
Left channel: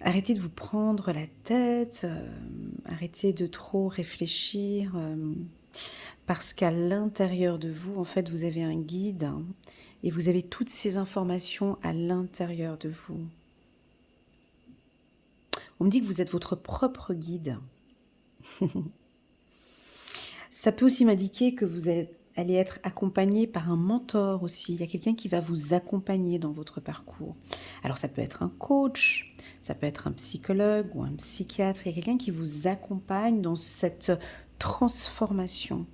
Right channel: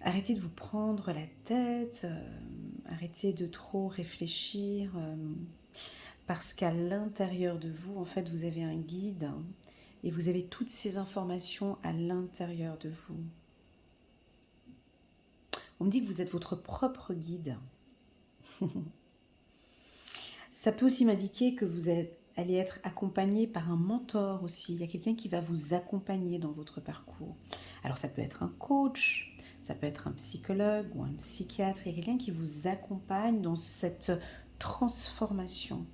Arrêtez de vous prendre la tête, arrêtez de trop réfléchir, parce qu'à l'intérieur de vous, en fait, vous avez un guide, hein, et vous avez toutes ces informations à l'intérieur de vous. On me dit que vous êtes votre propre guide. Ça peut aussi m'indiquer que vous allez être accompagné par un mentor aussi. Il y a quelqu'un qui va vous accompagner dans votre parcours. Alors ça peut être un coach, ça peut être un psychologue ou un psychiatre. Il y a quelqu'un qui vous accompagne dans cette transformation.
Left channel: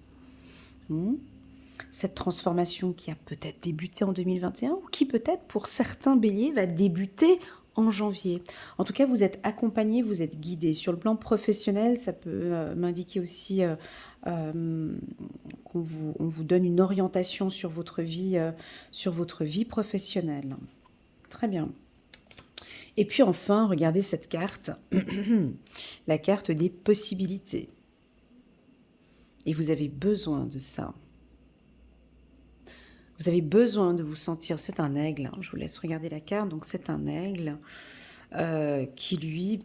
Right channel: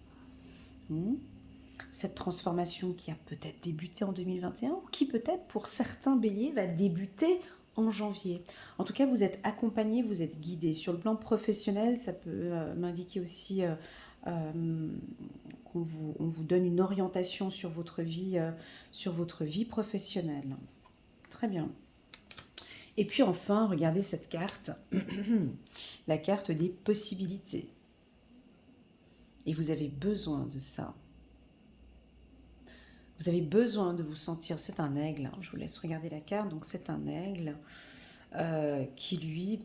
Cette transformation qui a peut-être débuté en 2021 ou qui peut-être pour certains béliers va débuter en janvier. En tout cas, vous êtes accompagné, vous êtes guidé. Sur le plan professionnel, ça peut m'indiquer aussi qu'on vous donne une orientation sur votre vie professionnelle. Très bien. Et puis enfin, regardez cette carte, la carte des possibilités. Et vous avez besoin de ça. Vous avez besoin de vous sentir, c'est un aigle, hein, je vous laisse regarder la carte, donc c'est un aigle qui lui,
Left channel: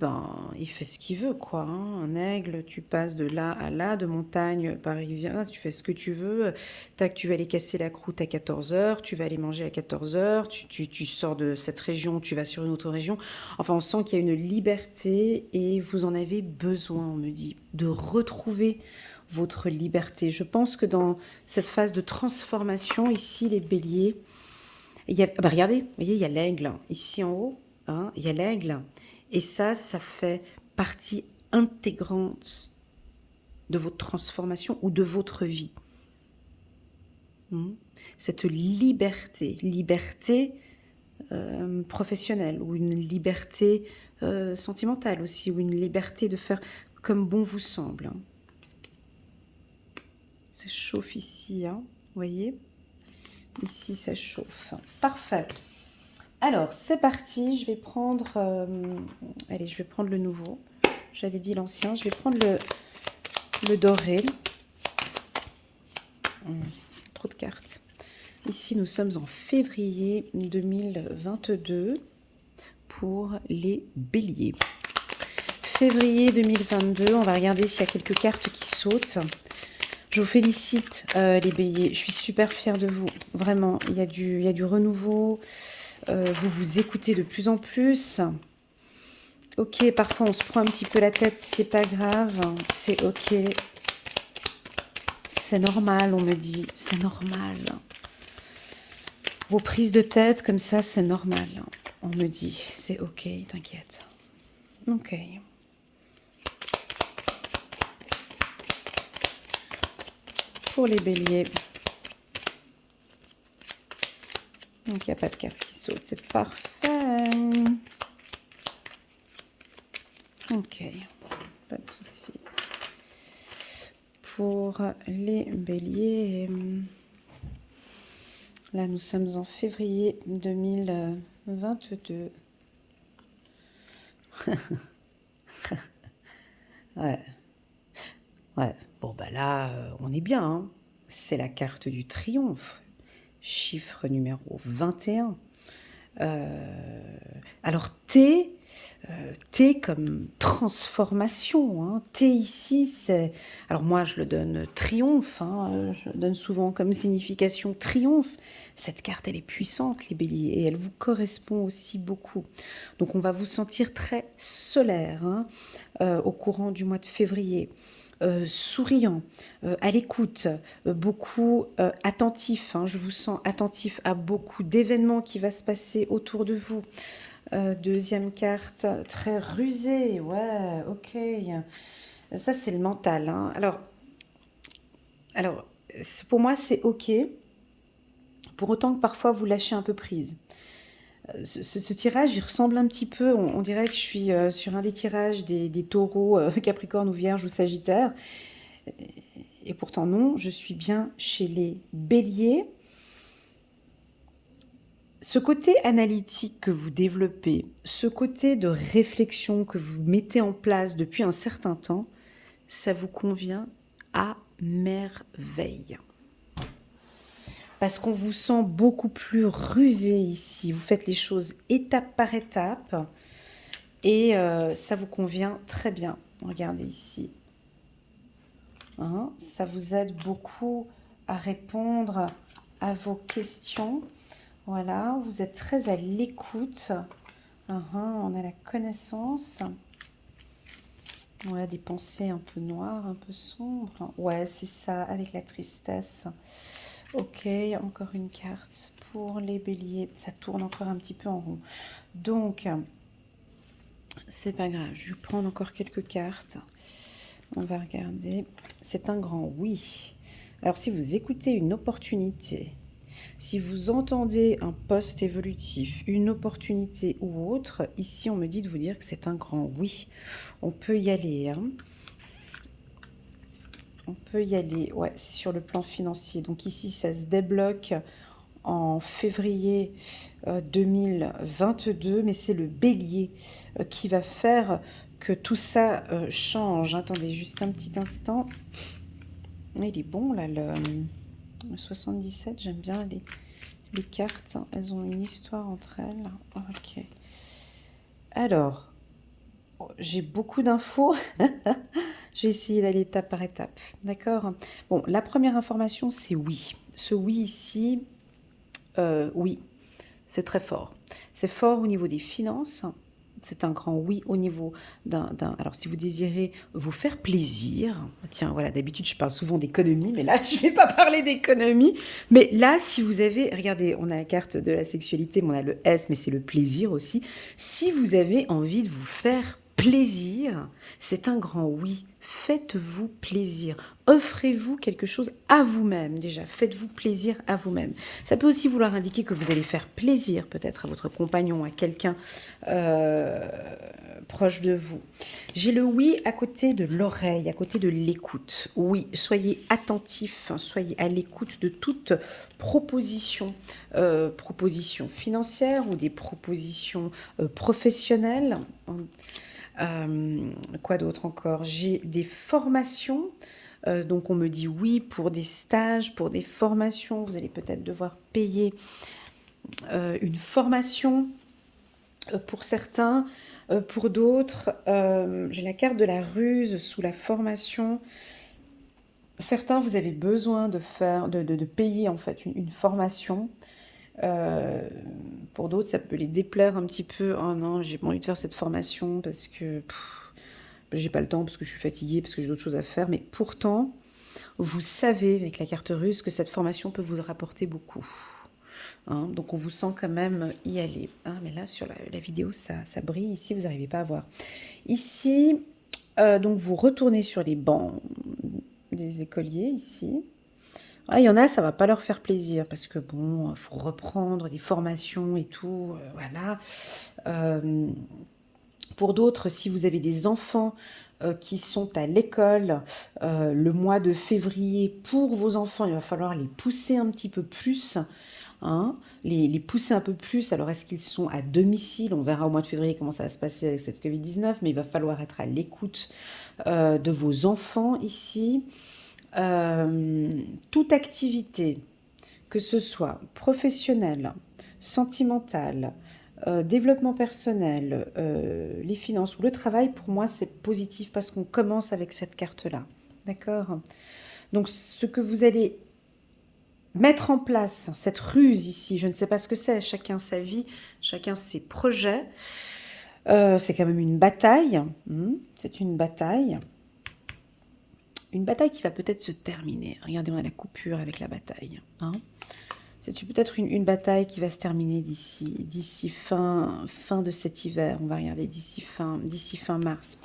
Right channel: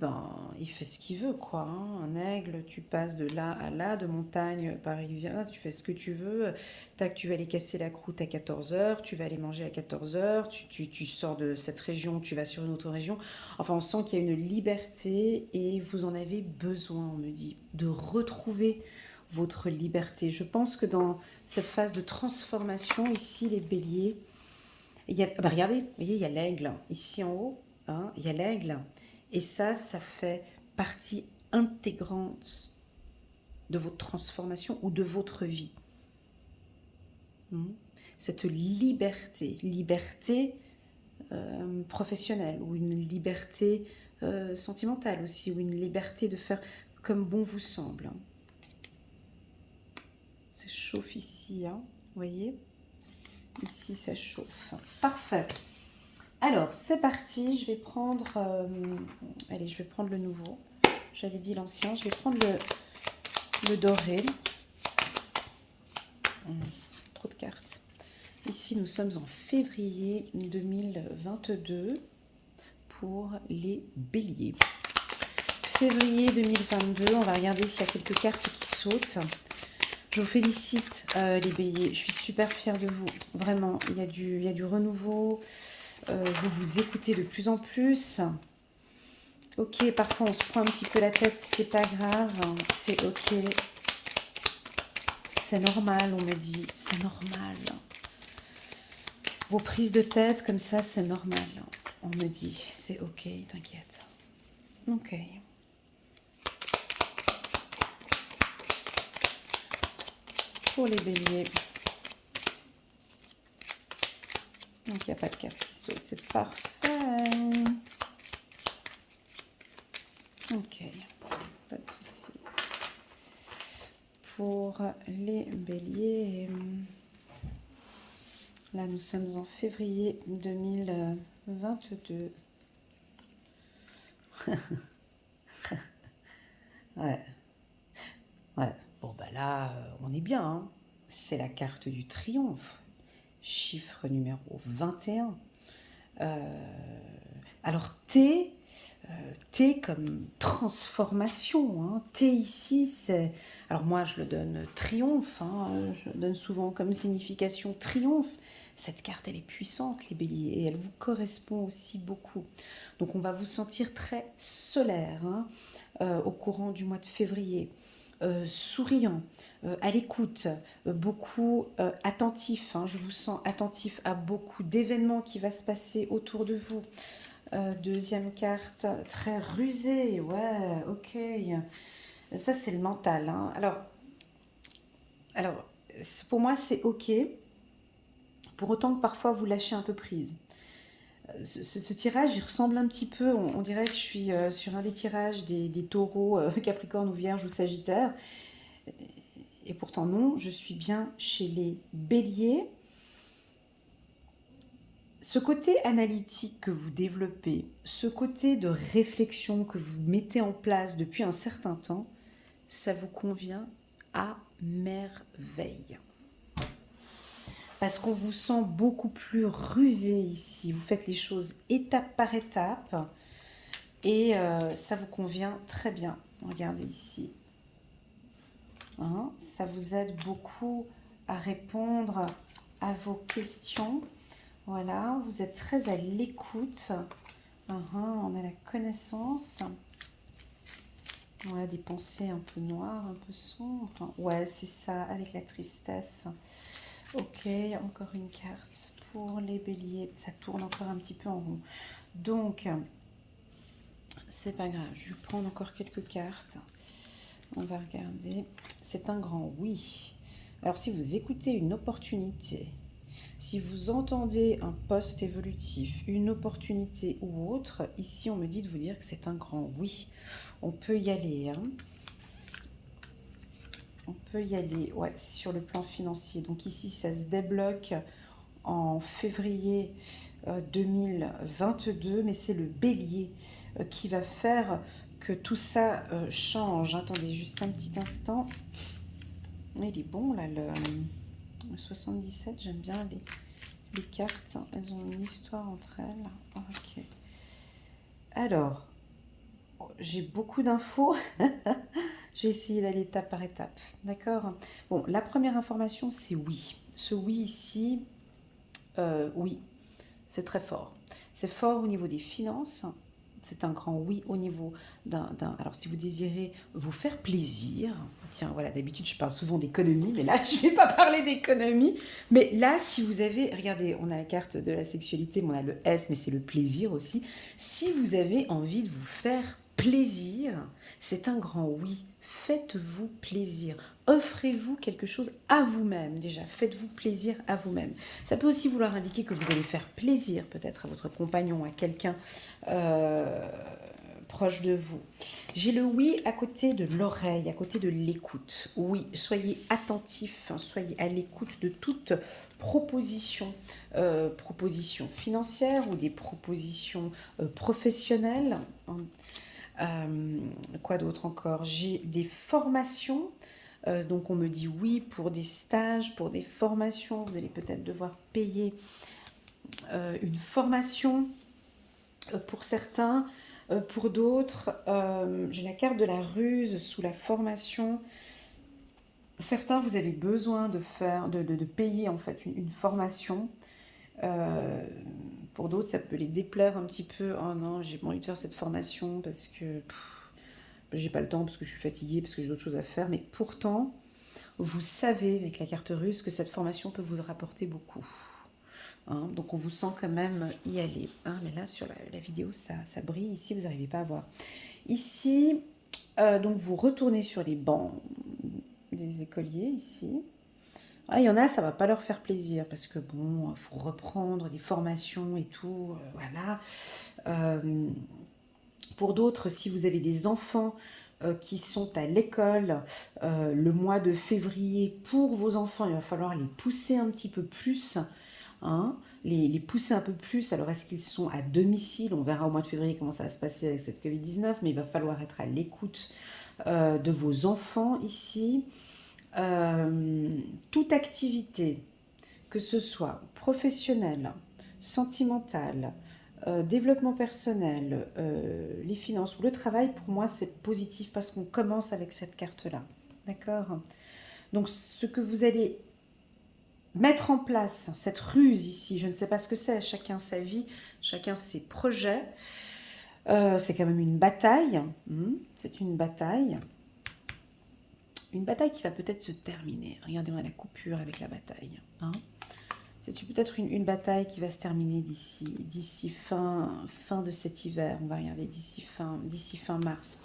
il fait ce qu'il veut, quoi. Hein. Un aigle, tu passes de là à là, de montagne par rivière, tu fais ce que tu veux, tac, tu vas aller casser la croûte à 14h, tu vas aller manger à 14h, tu sors de cette région, tu vas sur une autre région. Enfin, on sent qu'il y a une liberté et vous en avez besoin, on me dit, de retrouver votre liberté. Je pense que dans cette phase de transformation, ici, les béliers, il y a, regardez, vous voyez, il y a l'aigle, ici en haut, hein, il y a l'aigle, et ça fait partie intégrante de votre transformation ou de votre vie. Cette liberté professionnelle, ou une liberté sentimentale aussi, ou une liberté de faire comme bon vous semble. Ça chauffe ici, hein, vous voyez? Ici, ça chauffe. Parfait. Alors, c'est parti. Je vais prendre... allez, je vais prendre le nouveau. J'avais dit l'ancien. Je vais prendre le doré. Trop de cartes. Ici, nous sommes en février 2022 pour les béliers. Février 2022, on va regarder s'il y a quelques cartes qui sautent. Je vous félicite les béliers, je suis super fière de vous. Vraiment, il y a du renouveau, vous vous écoutez de plus en plus. Ok, parfois on se prend un petit peu la tête, c'est pas grave, c'est ok. C'est normal, on me dit, c'est normal. Vos prises de tête comme ça, c'est normal. On me dit, c'est ok, t'inquiète. Ok. Pour les béliers. Donc, il n'y a pas de carte qui saute, c'est parfait. Ok, pas de souci. Pour les béliers, là, nous sommes en février 2022. Ouais. Ouais. Bon, bah là, on est bien, hein. C'est la carte du triomphe. Chiffre numéro 21. Alors, T comme transformation. Hein. T ici, c'est... Alors moi, je le donne triomphe. Hein. Je le donne souvent comme signification triomphe. Cette carte, elle est puissante, les béliers, et elle vous correspond aussi beaucoup. Donc, on va vous sentir très solaire hein, au courant du mois de février. Souriant, à l'écoute, beaucoup attentif. Hein, je vous sens attentif à beaucoup d'événements qui vont se passer autour de vous. Deuxième carte, très rusé. Ouais, ok. Ça, c'est le mental. Hein. Alors, pour moi, c'est ok. Pour autant que parfois, vous lâchez un peu prise. Ce tirage, il ressemble un petit peu, on dirait que je suis sur un des tirages des taureaux, Capricorne ou Vierge ou Sagittaire. Et pourtant non, je suis bien chez les béliers. Ce côté analytique que vous développez, ce côté de réflexion que vous mettez en place depuis un certain temps, ça vous convient à merveille. Parce qu'on vous sent beaucoup plus rusé ici. Vous faites les choses étape par étape et ça vous convient très bien. Regardez ici. Hein, ça vous aide beaucoup à répondre à vos questions. Voilà, vous êtes très à l'écoute. On a la connaissance. On a des pensées un peu noires, un peu sombres. Ouais, c'est ça, avec la tristesse. Ok, encore une carte pour les béliers. Ça tourne encore un petit peu en rond. Donc, c'est pas grave. Je vais prendre encore quelques cartes. On va regarder. C'est un grand oui. Alors, si vous écoutez une opportunité, si vous entendez un poste évolutif, une opportunité ou autre, ici, on me dit de vous dire que c'est un grand oui. On peut y aller. Hein. On peut y aller. Ouais, c'est sur le plan financier. Donc ici, ça se débloque en février 2022, mais c'est le bélier qui va faire que tout ça change. Attendez juste un petit instant. Il est bon là, le 77, j'aime bien les cartes. Elles ont une histoire entre elles. Ok. Alors, j'ai beaucoup d'infos. Je vais essayer d'aller étape par étape. D'accord? Bon, la première information, c'est oui. Ce oui ici, oui, c'est très fort. C'est fort au niveau des finances. C'est un grand oui au niveau d'un... Alors, si vous désirez vous faire plaisir, tiens, voilà, d'habitude, je parle souvent d'économie, mais là, je ne vais pas parler d'économie. Mais là, si vous avez... Regardez, on a la carte de la sexualité, mais on a le S, mais c'est le plaisir aussi. Si vous avez envie de vous faire plaisir, c'est un grand oui. Faites-vous plaisir. Offrez-vous quelque chose à vous-même déjà. Faites-vous plaisir à vous-même. Ça peut aussi vouloir indiquer que vous allez faire plaisir peut-être à votre compagnon, à quelqu'un proche de vous. J'ai le oui à côté de l'oreille, à côté de l'écoute. Oui, soyez attentif, soyez à l'écoute de toute proposition, proposition financière ou des propositions professionnelles. Quoi d'autre encore? J'ai des formations. Donc on me dit oui pour des stages, pour des formations. Vous allez peut-être devoir payer une formation pour certains. Pour d'autres, j'ai la carte de la ruse sous la formation. Certains, vous avez besoin de faire, de payer en fait une formation. Pour d'autres, ça peut les déplaire un petit peu. Oh non, j'ai pas envie de faire cette formation parce que j'ai pas le temps, parce que je suis fatiguée, parce que j'ai d'autres choses à faire. Mais pourtant, vous savez avec la carte russe que cette formation peut vous rapporter beaucoup. Hein, donc on vous sent quand même y aller. Ah, mais là, sur la vidéo, ça brille. Ici, vous n'arrivez pas à voir. Ici, donc vous retournez sur les bancs des écoliers, ici. Ah, il y en a, ça va pas leur faire plaisir parce que bon, il faut reprendre des formations et tout, voilà. Euh, pour d'autres, si vous avez des enfants qui sont à l'école le mois de février, pour vos enfants, il va falloir les pousser un petit peu plus. Hein, les pousser un peu plus. Alors, est-ce qu'ils sont à domicile? On verra au mois de février comment ça va se passer avec cette Covid-19, mais il va falloir être à l'écoute de vos enfants ici. Toute activité, que ce soit professionnelle, sentimentale, développement personnel, les finances ou le travail, pour moi, c'est positif parce qu'on commence avec cette carte-là. D'accord? Donc, ce que vous allez mettre en place, cette ruse ici, je ne sais pas ce que c'est, chacun sa vie, chacun ses projets, c'est quand même une bataille. C'est une bataille. Une bataille qui va peut-être se terminer. Regardez, on a la coupure avec la bataille. Hein. C'est peut-être une bataille qui va se terminer d'ici fin de cet hiver. On va regarder d'ici fin mars.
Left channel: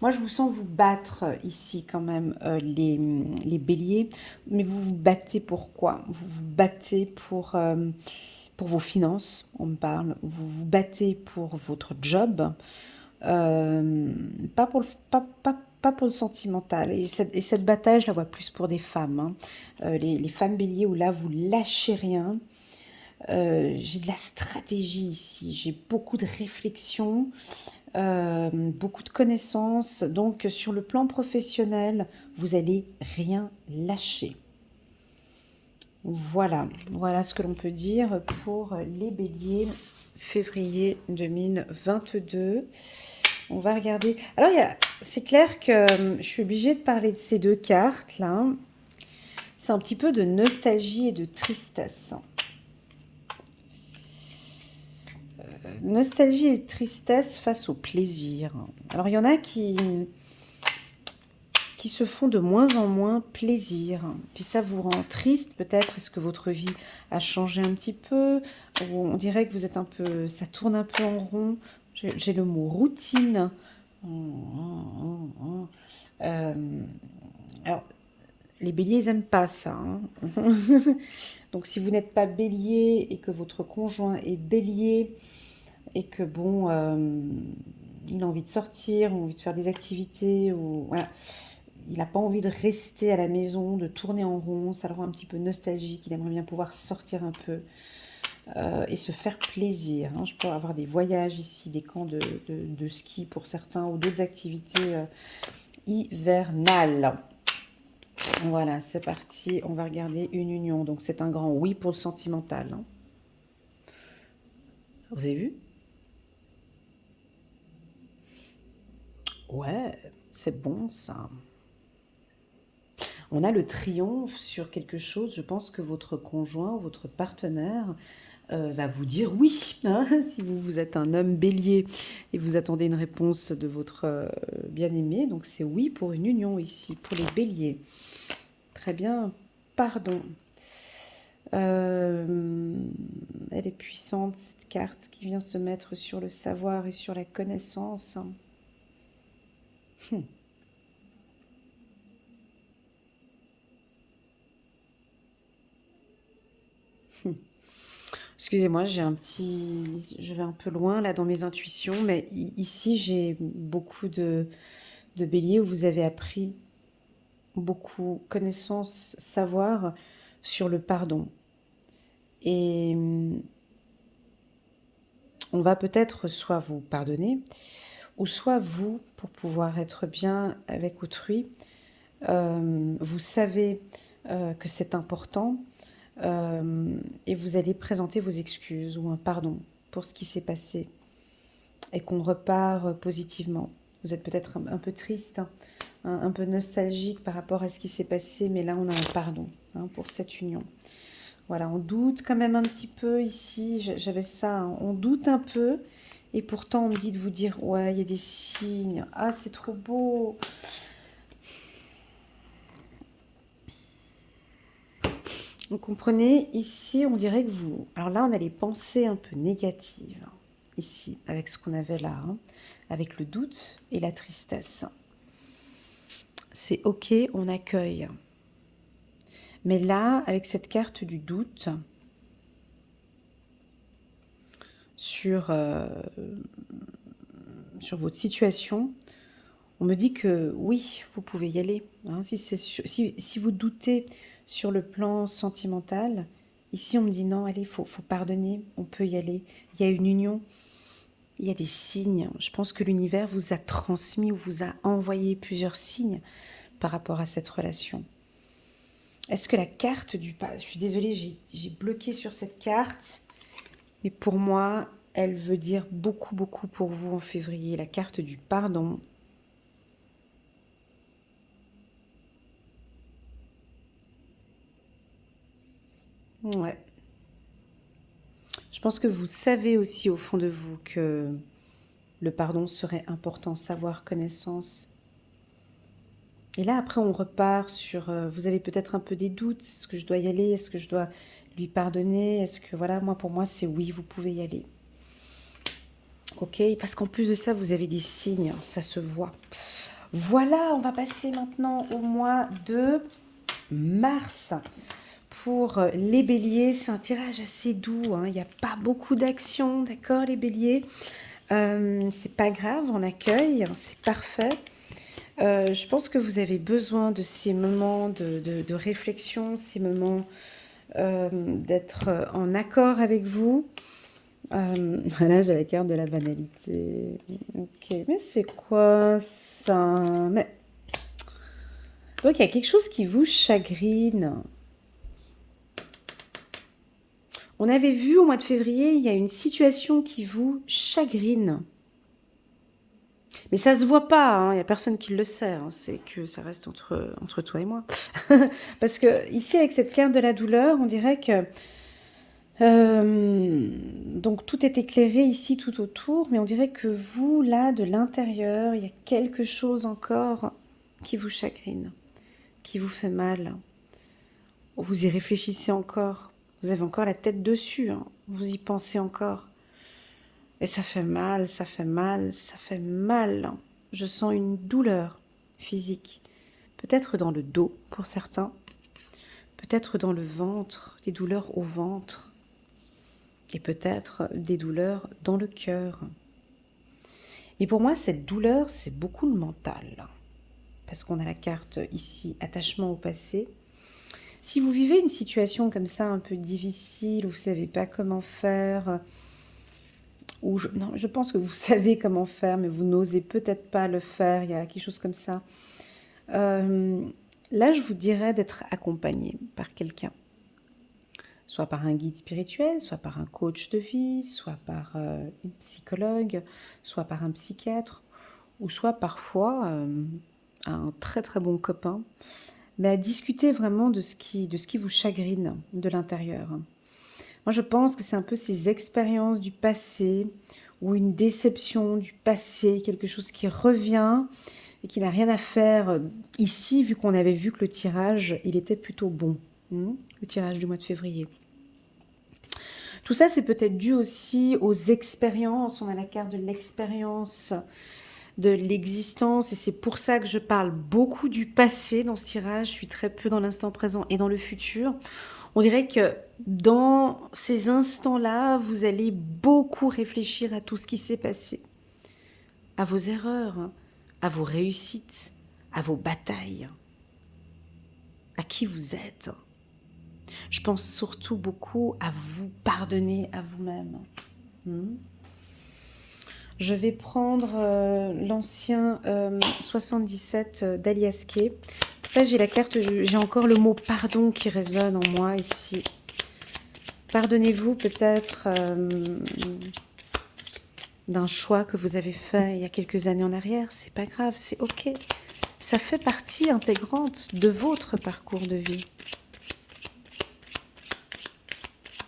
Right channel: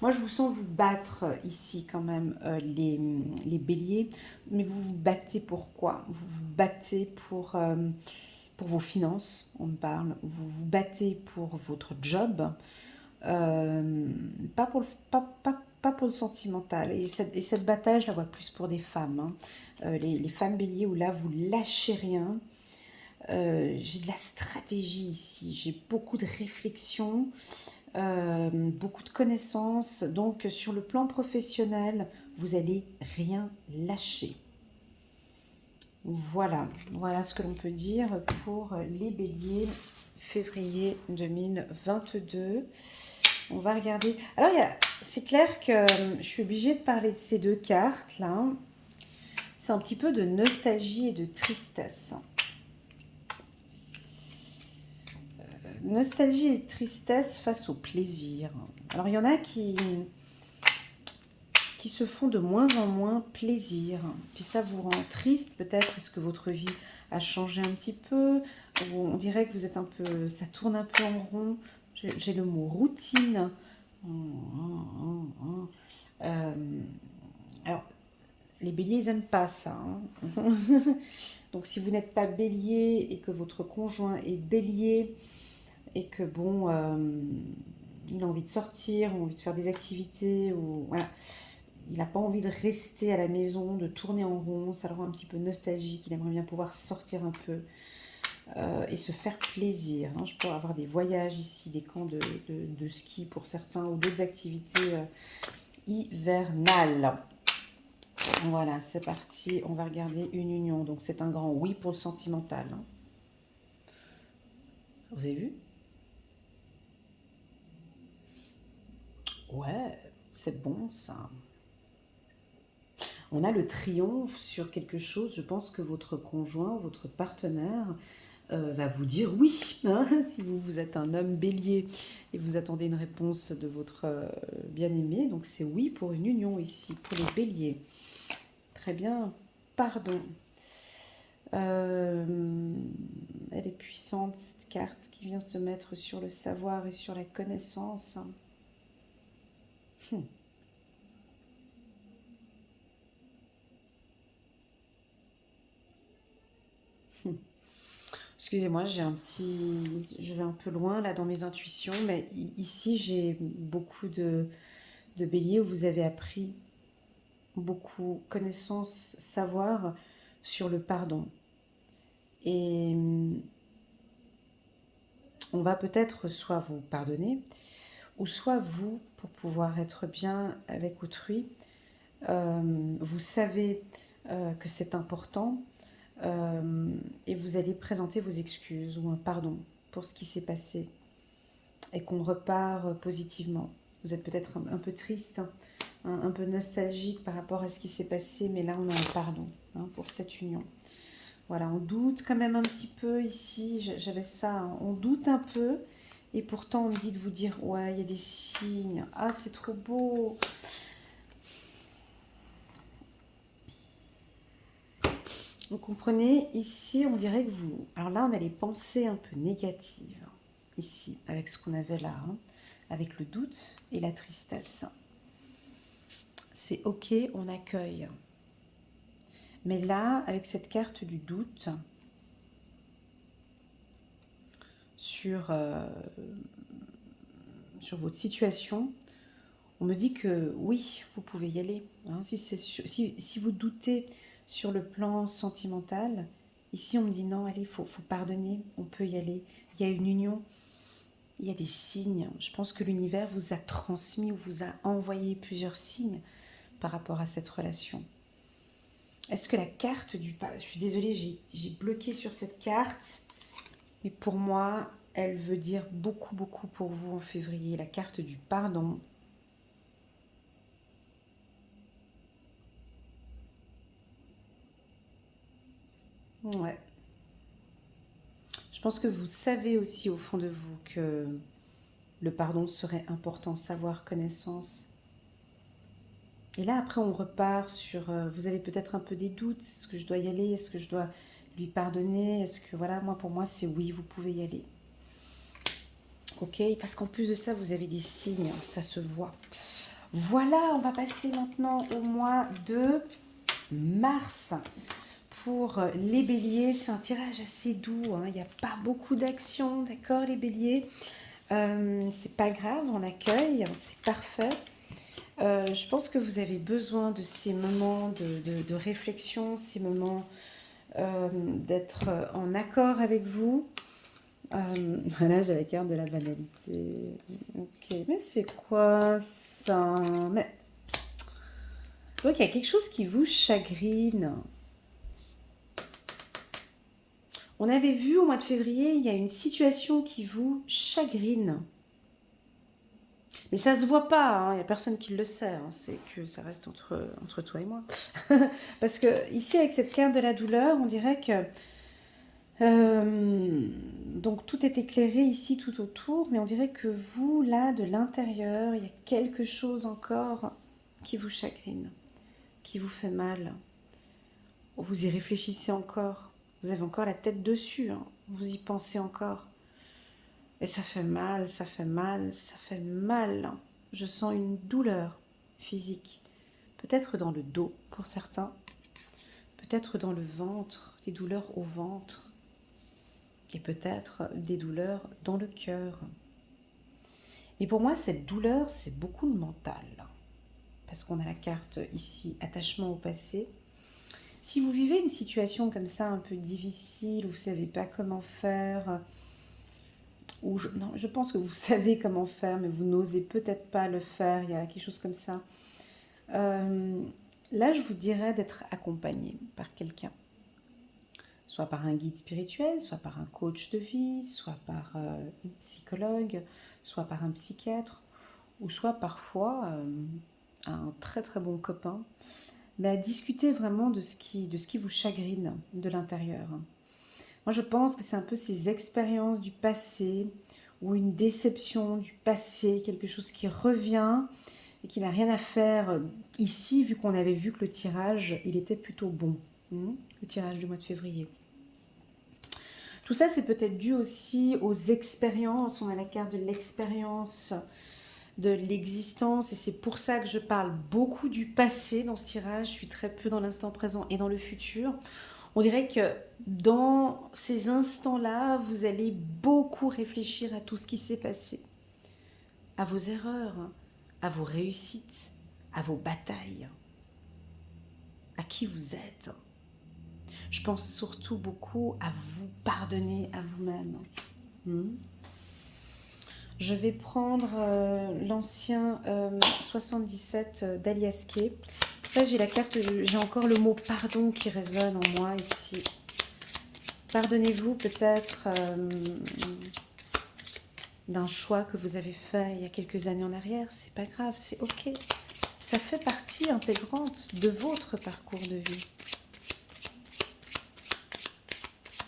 Moi, je vous sens vous battre ici quand même, les béliers. Mais vous vous battez pour quoi? Vous vous battez pour vos finances, on me parle. Vous vous battez pour votre job. Pas pour pas pour le sentimental. Et cette bataille, je la vois plus pour des femmes. Hein. Les femmes béliers où là, vous lâchez rien. J'ai de la stratégie ici. J'ai beaucoup de réflexion, beaucoup de connaissances. Donc, sur le plan professionnel, vous allez rien lâcher. Voilà, voilà ce que l'on peut dire pour les béliers février 2022. On va regarder. Alors, c'est clair que je suis obligée de parler de ces deux cartes là. C'est un petit peu de nostalgie et de tristesse. Nostalgie et tristesse face au plaisir. Alors, il y en a qui se font de moins en moins plaisir. Puis ça vous rend triste peut-être. Est-ce que votre vie a changé un petit peu? Ou on dirait que vous êtes un peu... Ça tourne un peu en rond. J'ai le mot routine. Alors, les béliers, ils n'aiment pas ça. Hein. Donc, si vous n'êtes pas bélier et que votre conjoint est bélier et que, bon, il a envie de sortir, ou envie de faire des activités, ou voilà, il n'a pas envie de rester à la maison, de tourner en rond, ça le rend un petit peu nostalgique, il aimerait bien pouvoir sortir un peu et se faire plaisir. Hein. Je peux avoir des voyages ici, des camps de ski pour certains, ou d'autres activités hivernales. Voilà, c'est parti, on va regarder une union. Donc c'est un grand oui pour le sentimental. Hein. Vous avez vu? Ouais, c'est bon ça. On a le triomphe sur quelque chose. Je pense que votre conjoint, votre partenaire va vous dire oui. Hein, si vous êtes un homme bélier et vous attendez une réponse de votre bien-aimé. Donc c'est oui pour une union ici, pour les béliers. Très bien, pardon. Elle est puissante, cette carte qui vient se mettre sur le savoir et sur la connaissance. Hmm. Hmm. Excusez-moi, j'ai un petit... Je vais un peu loin là dans mes intuitions, mais ici j'ai beaucoup de béliers où vous avez appris beaucoup connaissance, savoir sur le pardon. Et on va peut-être soit vous pardonner, ou soit vous, pour pouvoir être bien avec autrui, vous savez que c'est important et vous allez présenter vos excuses ou un pardon pour ce qui s'est passé et qu'on repart positivement. Vous êtes peut-être un peu triste, hein, un peu nostalgique par rapport à ce qui s'est passé, mais là on a un pardon hein, pour cette union. Voilà, on doute quand même un petit peu ici, j'avais ça, hein, on doute un peu, et pourtant on me dit de vous dire, ouais, il y a des signes, ah c'est trop beau. Vous comprenez, ici on dirait que vous... Alors là on a les pensées un peu négatives, ici, avec ce qu'on avait là, hein, avec le doute et la tristesse. C'est ok, on accueille. Mais là, avec cette carte du doute sur, sur votre situation, on me dit que oui, vous pouvez y aller. Hein, si vous doutez sur le plan sentimental, ici on me dit non, allez, faut pardonner, on peut y aller. Il y a une union, il y a des signes. Je pense que l'univers vous a transmis ou vous a envoyé plusieurs signes par rapport à cette relation. Est-ce que la carte du... Je suis désolée, j'ai bloqué sur cette carte. Mais pour moi, elle veut dire beaucoup, beaucoup pour vous en février. La carte du pardon. Ouais. Je pense que vous savez aussi au fond de vous que le pardon serait important, savoir, connaissance. Et là, après, on repart sur... vous avez peut-être un peu des doutes. Est-ce que je dois y aller? Est-ce que je dois lui pardonner? Est-ce que, voilà, moi, pour moi, c'est oui, vous pouvez y aller. Ok? Parce qu'en plus de ça, vous avez des signes, ça se voit. Voilà, on va passer maintenant au mois de mars. Pour les béliers, c'est un tirage assez doux, hein. Il n'y a pas beaucoup d'action, d'accord les béliers, c'est pas grave, on accueille, c'est parfait. Je pense que vous avez besoin de ces moments de réflexion, ces moments d'être en accord avec vous. Voilà, j'ai la carte de la banalité. Ok, mais c'est quoi ça? Mais... Donc il y a quelque chose qui vous chagrine. On avait vu au mois de février, il y a une situation qui vous chagrine. Mais ça se voit pas, hein, il n'y a personne qui le sait, hein, c'est que ça reste entre toi et moi. Parce que ici, avec cette carte de la douleur, on dirait que... donc tout est éclairé ici, tout autour, mais on dirait que vous, là, de l'intérieur, il y a quelque chose encore qui vous chagrine, qui vous fait mal. Vous y réfléchissez encore, vous avez encore la tête dessus, hein, vous y pensez encore. Et ça fait mal, ça fait mal, ça fait mal. Je sens une douleur physique. Peut-être dans le dos pour certains. Peut-être dans le ventre, des douleurs au ventre. Et peut-être des douleurs dans le cœur. Mais pour moi, cette douleur, c'est beaucoup le mental. Parce qu'on a la carte ici, attachement au passé. Si vous vivez une situation comme ça un peu difficile, où vous ne savez pas comment faire, ou non, je pense que vous savez comment faire, mais vous n'osez peut-être pas le faire, il y a quelque chose comme ça. Là, je vous dirais d'être accompagné par quelqu'un. Soit par un guide spirituel, soit par un coach de vie, soit par une psychologue, soit par un psychiatre, ou soit parfois un très très bon copain. Mais discuter vraiment de ce qui vous chagrine de l'intérieur. Moi, je pense que c'est un peu ces expériences du passé ou une déception du passé, quelque chose qui revient et qui n'a rien à faire ici, vu qu'on avait vu que le tirage, il était plutôt bon, le tirage du mois de février. Tout ça, c'est peut-être dû aussi aux expériences. On a la carte de l'expérience de l'existence, et c'est pour ça que je parle beaucoup du passé dans ce tirage. Je suis très peu dans l'instant présent et dans le futur. On dirait que dans ces instants-là, vous allez beaucoup réfléchir à tout ce qui s'est passé, à vos erreurs, à vos réussites, à vos batailles, à qui vous êtes. Je pense surtout beaucoup à vous pardonner à vous-même. Je vais prendre l'ancien 77 d'Alias Kay. Pour ça, j'ai la carte, j'ai encore le mot pardon qui résonne en moi ici. Pardonnez-vous peut-être d'un choix que vous avez fait il y a quelques années en arrière. C'est pas grave, c'est ok. Ça fait partie intégrante de votre parcours de vie.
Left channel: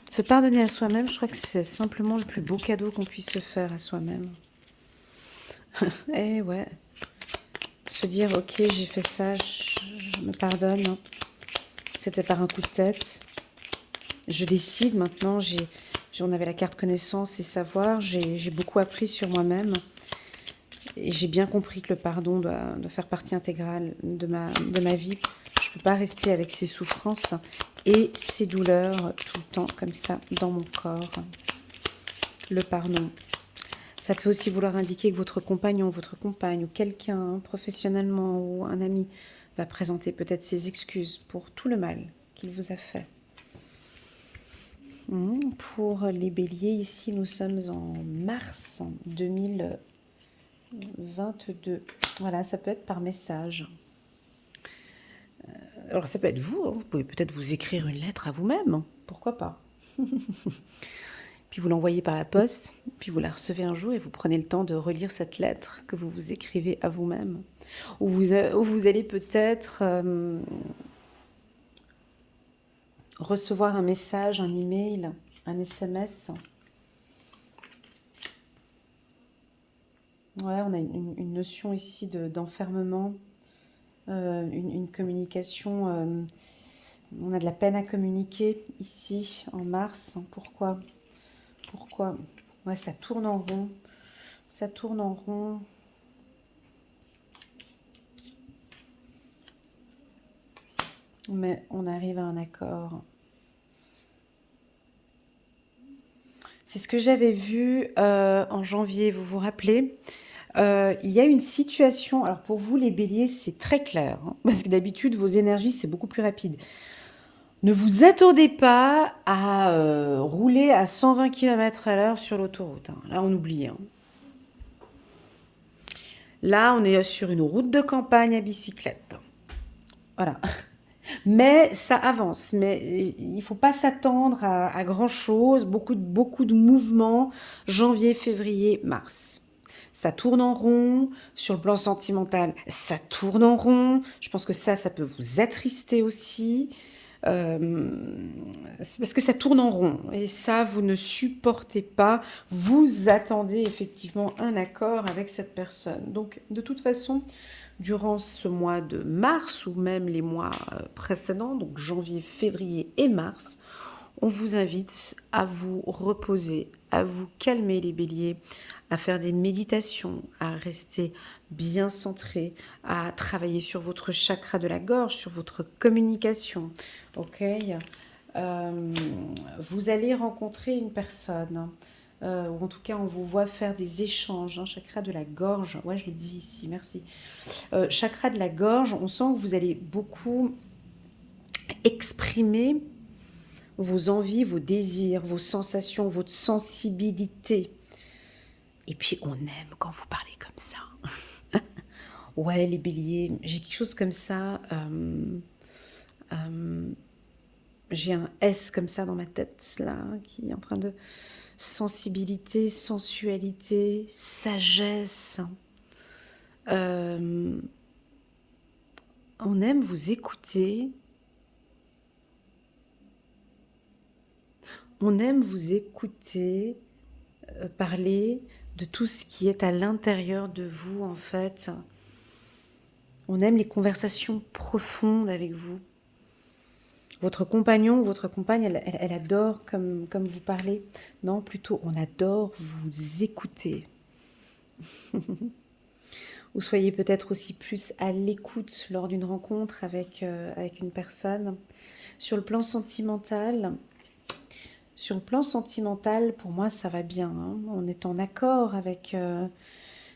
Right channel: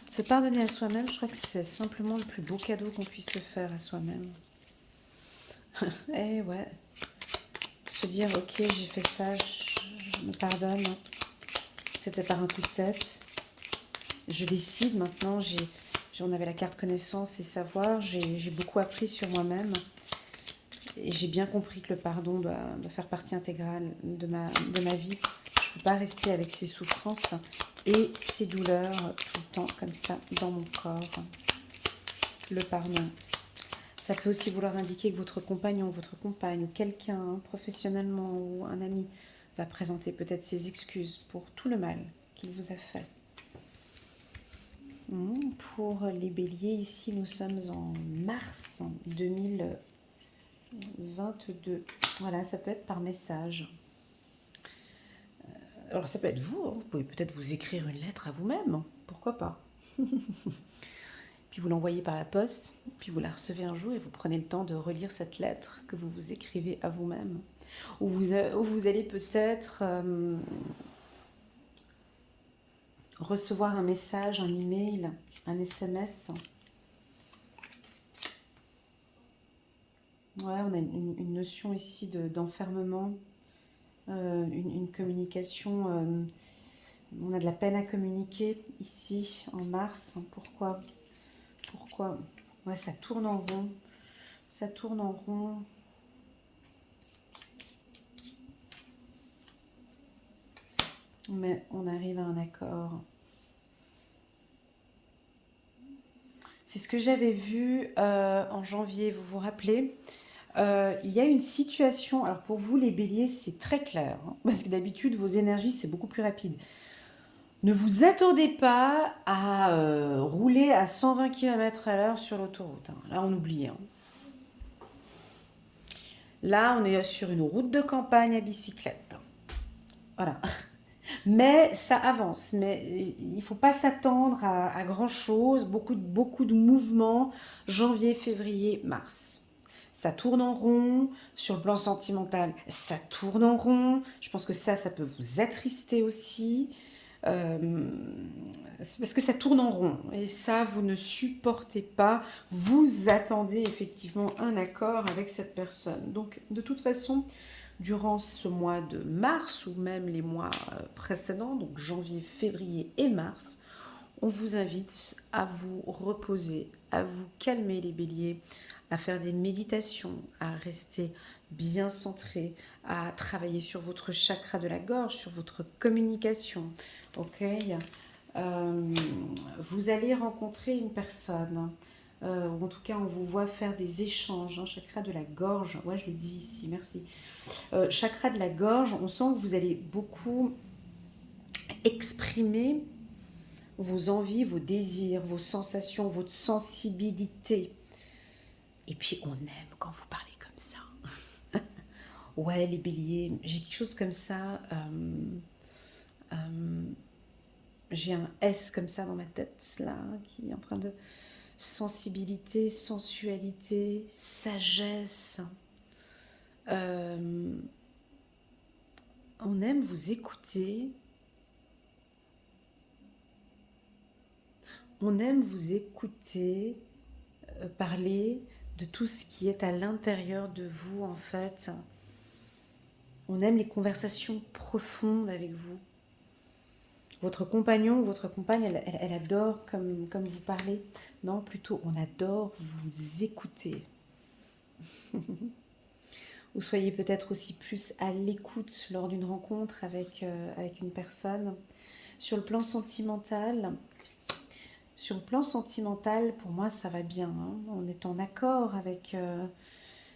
Se pardonner à soi-même, je crois que c'est simplement le plus beau cadeau qu'on puisse se faire à soi-même. Eh ouais. Se dire, ok, j'ai fait ça, je me pardonne. C'était par un coup de tête. Je décide maintenant, on avait la carte connaissance et savoir, j'ai beaucoup appris sur moi-même. Et j'ai bien compris que le pardon doit faire partie intégrale de ma vie. Je ne peux pas rester avec ces souffrances et ces douleurs tout le temps comme ça dans mon corps. Le pardon. Ça peut aussi vouloir indiquer que votre compagnon, votre compagne ou quelqu'un professionnellement ou un ami va présenter peut-être ses excuses pour tout le mal qu'il vous a fait. Pour les béliers, ici nous sommes en mars 2022. Voilà, ça peut être par message. Alors ça peut être vous, vous pouvez peut-être vous écrire une lettre à vous-même, pourquoi pas. Puis vous l'envoyez par la poste, puis vous la recevez un jour et vous prenez le temps de relire cette lettre que vous vous écrivez à vous-même. Ou vous allez peut-être recevoir un message, un email, un SMS. Ouais, on a une notion ici d'enfermement, une communication. On a de la peine à communiquer ici en mars. Pourquoi ? Ouais, ça tourne en rond. Ça tourne en rond. Mais on arrive à un accord. C'est ce que j'avais vu en janvier, vous vous rappelez ? Il y a une situation, alors pour vous les béliers c'est très clair, parce que d'habitude vos énergies c'est beaucoup plus rapide. Ne vous attendez pas à rouler à 120 km/h sur l'autoroute. Là on oublie. Là on est sur une route de campagne à bicyclette. Voilà. Mais ça avance, mais il ne faut pas s'attendre à grand-chose, beaucoup de mouvements, janvier, février, mars. Ça tourne en rond, sur le plan sentimental, ça tourne en rond, je pense que ça peut vous attrister aussi, parce que ça tourne en rond, et ça vous ne supportez pas, vous attendez effectivement un accord avec cette personne. Donc de toute façon, durant ce mois de mars ou même les mois précédents, donc janvier, février et mars, on vous invite à vous reposer, à vous calmer les béliers, à faire des méditations, à rester bien centré, à travailler sur votre chakra de la gorge, sur votre communication. Ok, vous allez rencontrer une personne. Ou en tout cas on vous voit faire des échanges, chakra de la gorge, ouais je l'ai dit ici, merci. Chakra de la gorge, on sent que vous allez beaucoup exprimer vos envies, vos désirs, vos sensations, votre sensibilité. Et puis on aime quand vous parlez comme ça. Ouais les béliers, j'ai quelque chose comme ça, j'ai un S comme ça dans ma tête là, qui est en train de... sensibilité, sensualité, sagesse. On aime vous écouter. On aime vous écouter parler de tout ce qui est à l'intérieur de vous en fait. On aime les conversations profondes avec vous. Votre compagnon ou votre compagne, elle adore comme vous parlez. Non, plutôt, on adore vous écouter. ou soyez peut-être aussi plus à l'écoute lors d'une rencontre avec une personne. Sur le plan sentimental, pour moi, ça va bien, hein. On est en accord avec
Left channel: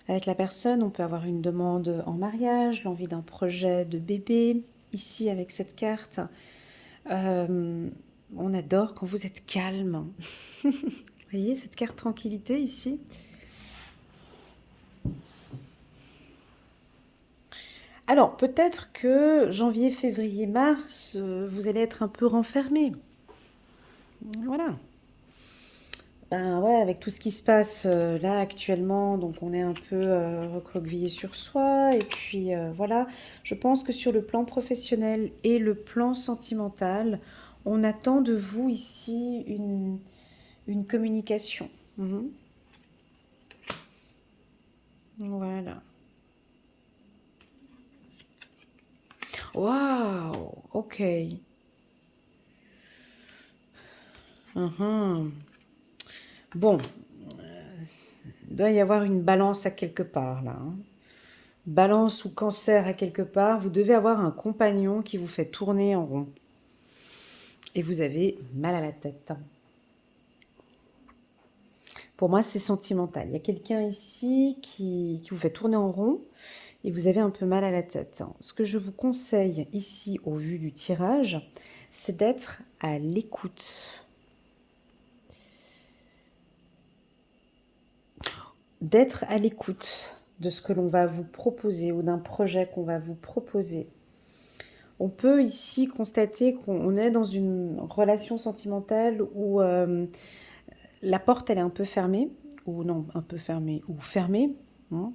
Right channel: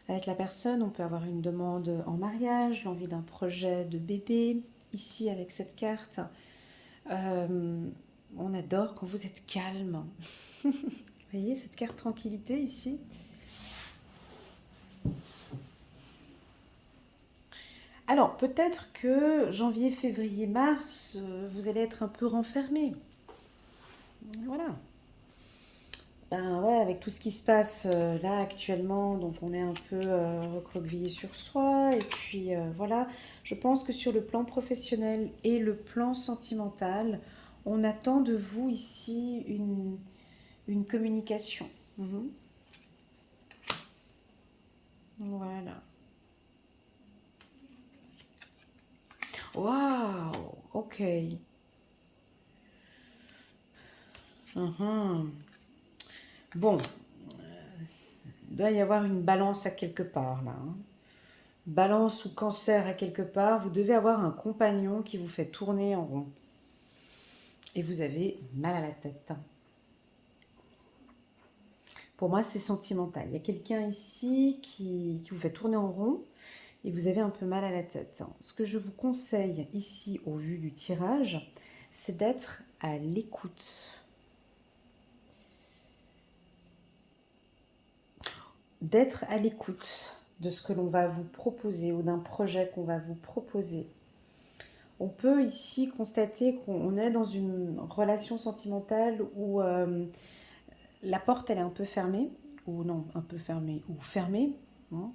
la personne. On peut avoir une demande en mariage, l'envie d'un projet de bébé. Ici, avec cette carte, Euh, on adore quand vous êtes calme. Vous voyez cette carte tranquillité ici? Alors, peut-être que janvier, février, mars, vous allez être un peu renfermé. Voilà. Ben ouais, avec tout ce qui se passe là actuellement, donc on est un peu recroquevillé sur soi. Et puis voilà, je pense que sur le plan professionnel et le plan sentimental, on attend de vous ici une communication. Mhm. Voilà. Waouh, ok. Mhm. Bon, il doit y avoir une balance à quelque part là, hein. Balance ou cancer à quelque part, vous devez avoir un compagnon qui vous fait tourner en rond. Et vous avez mal à la tête. Pour moi, c'est sentimental. Il y a quelqu'un ici qui vous fait tourner en rond et vous avez un peu mal à la tête. Ce que je vous conseille ici, au vu du tirage, c'est d'être à l'écoute. D'être à l'écoute de ce que l'on va vous proposer ou d'un projet qu'on va vous proposer. On peut ici constater qu'on est dans une relation sentimentale où la porte elle est un peu fermée, ou non, un peu fermée, ou fermée, hein.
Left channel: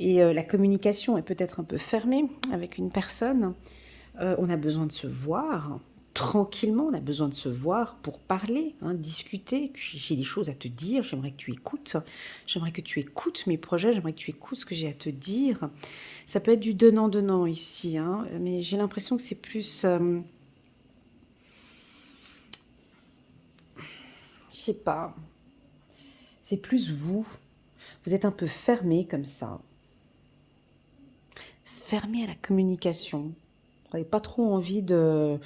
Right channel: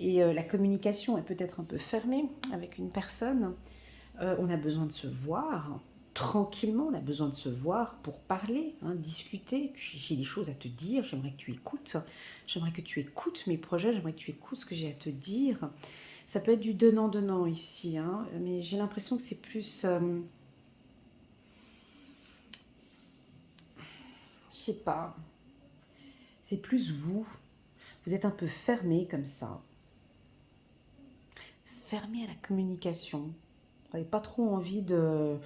Et la communication est peut-être un peu fermée avec une personne. On a besoin de se voir tranquillement, on a besoin de se voir pour parler, hein, discuter. J'ai des choses à te dire, j'aimerais que tu écoutes mes projets, j'aimerais que tu écoutes ce que j'ai à te dire. Ça peut être du donnant-donnant ici, hein, mais j'ai l'impression que c'est plus, je sais pas, c'est plus vous. Vous êtes un peu fermé comme ça, fermé à la communication. Vous n'avez pas trop envie de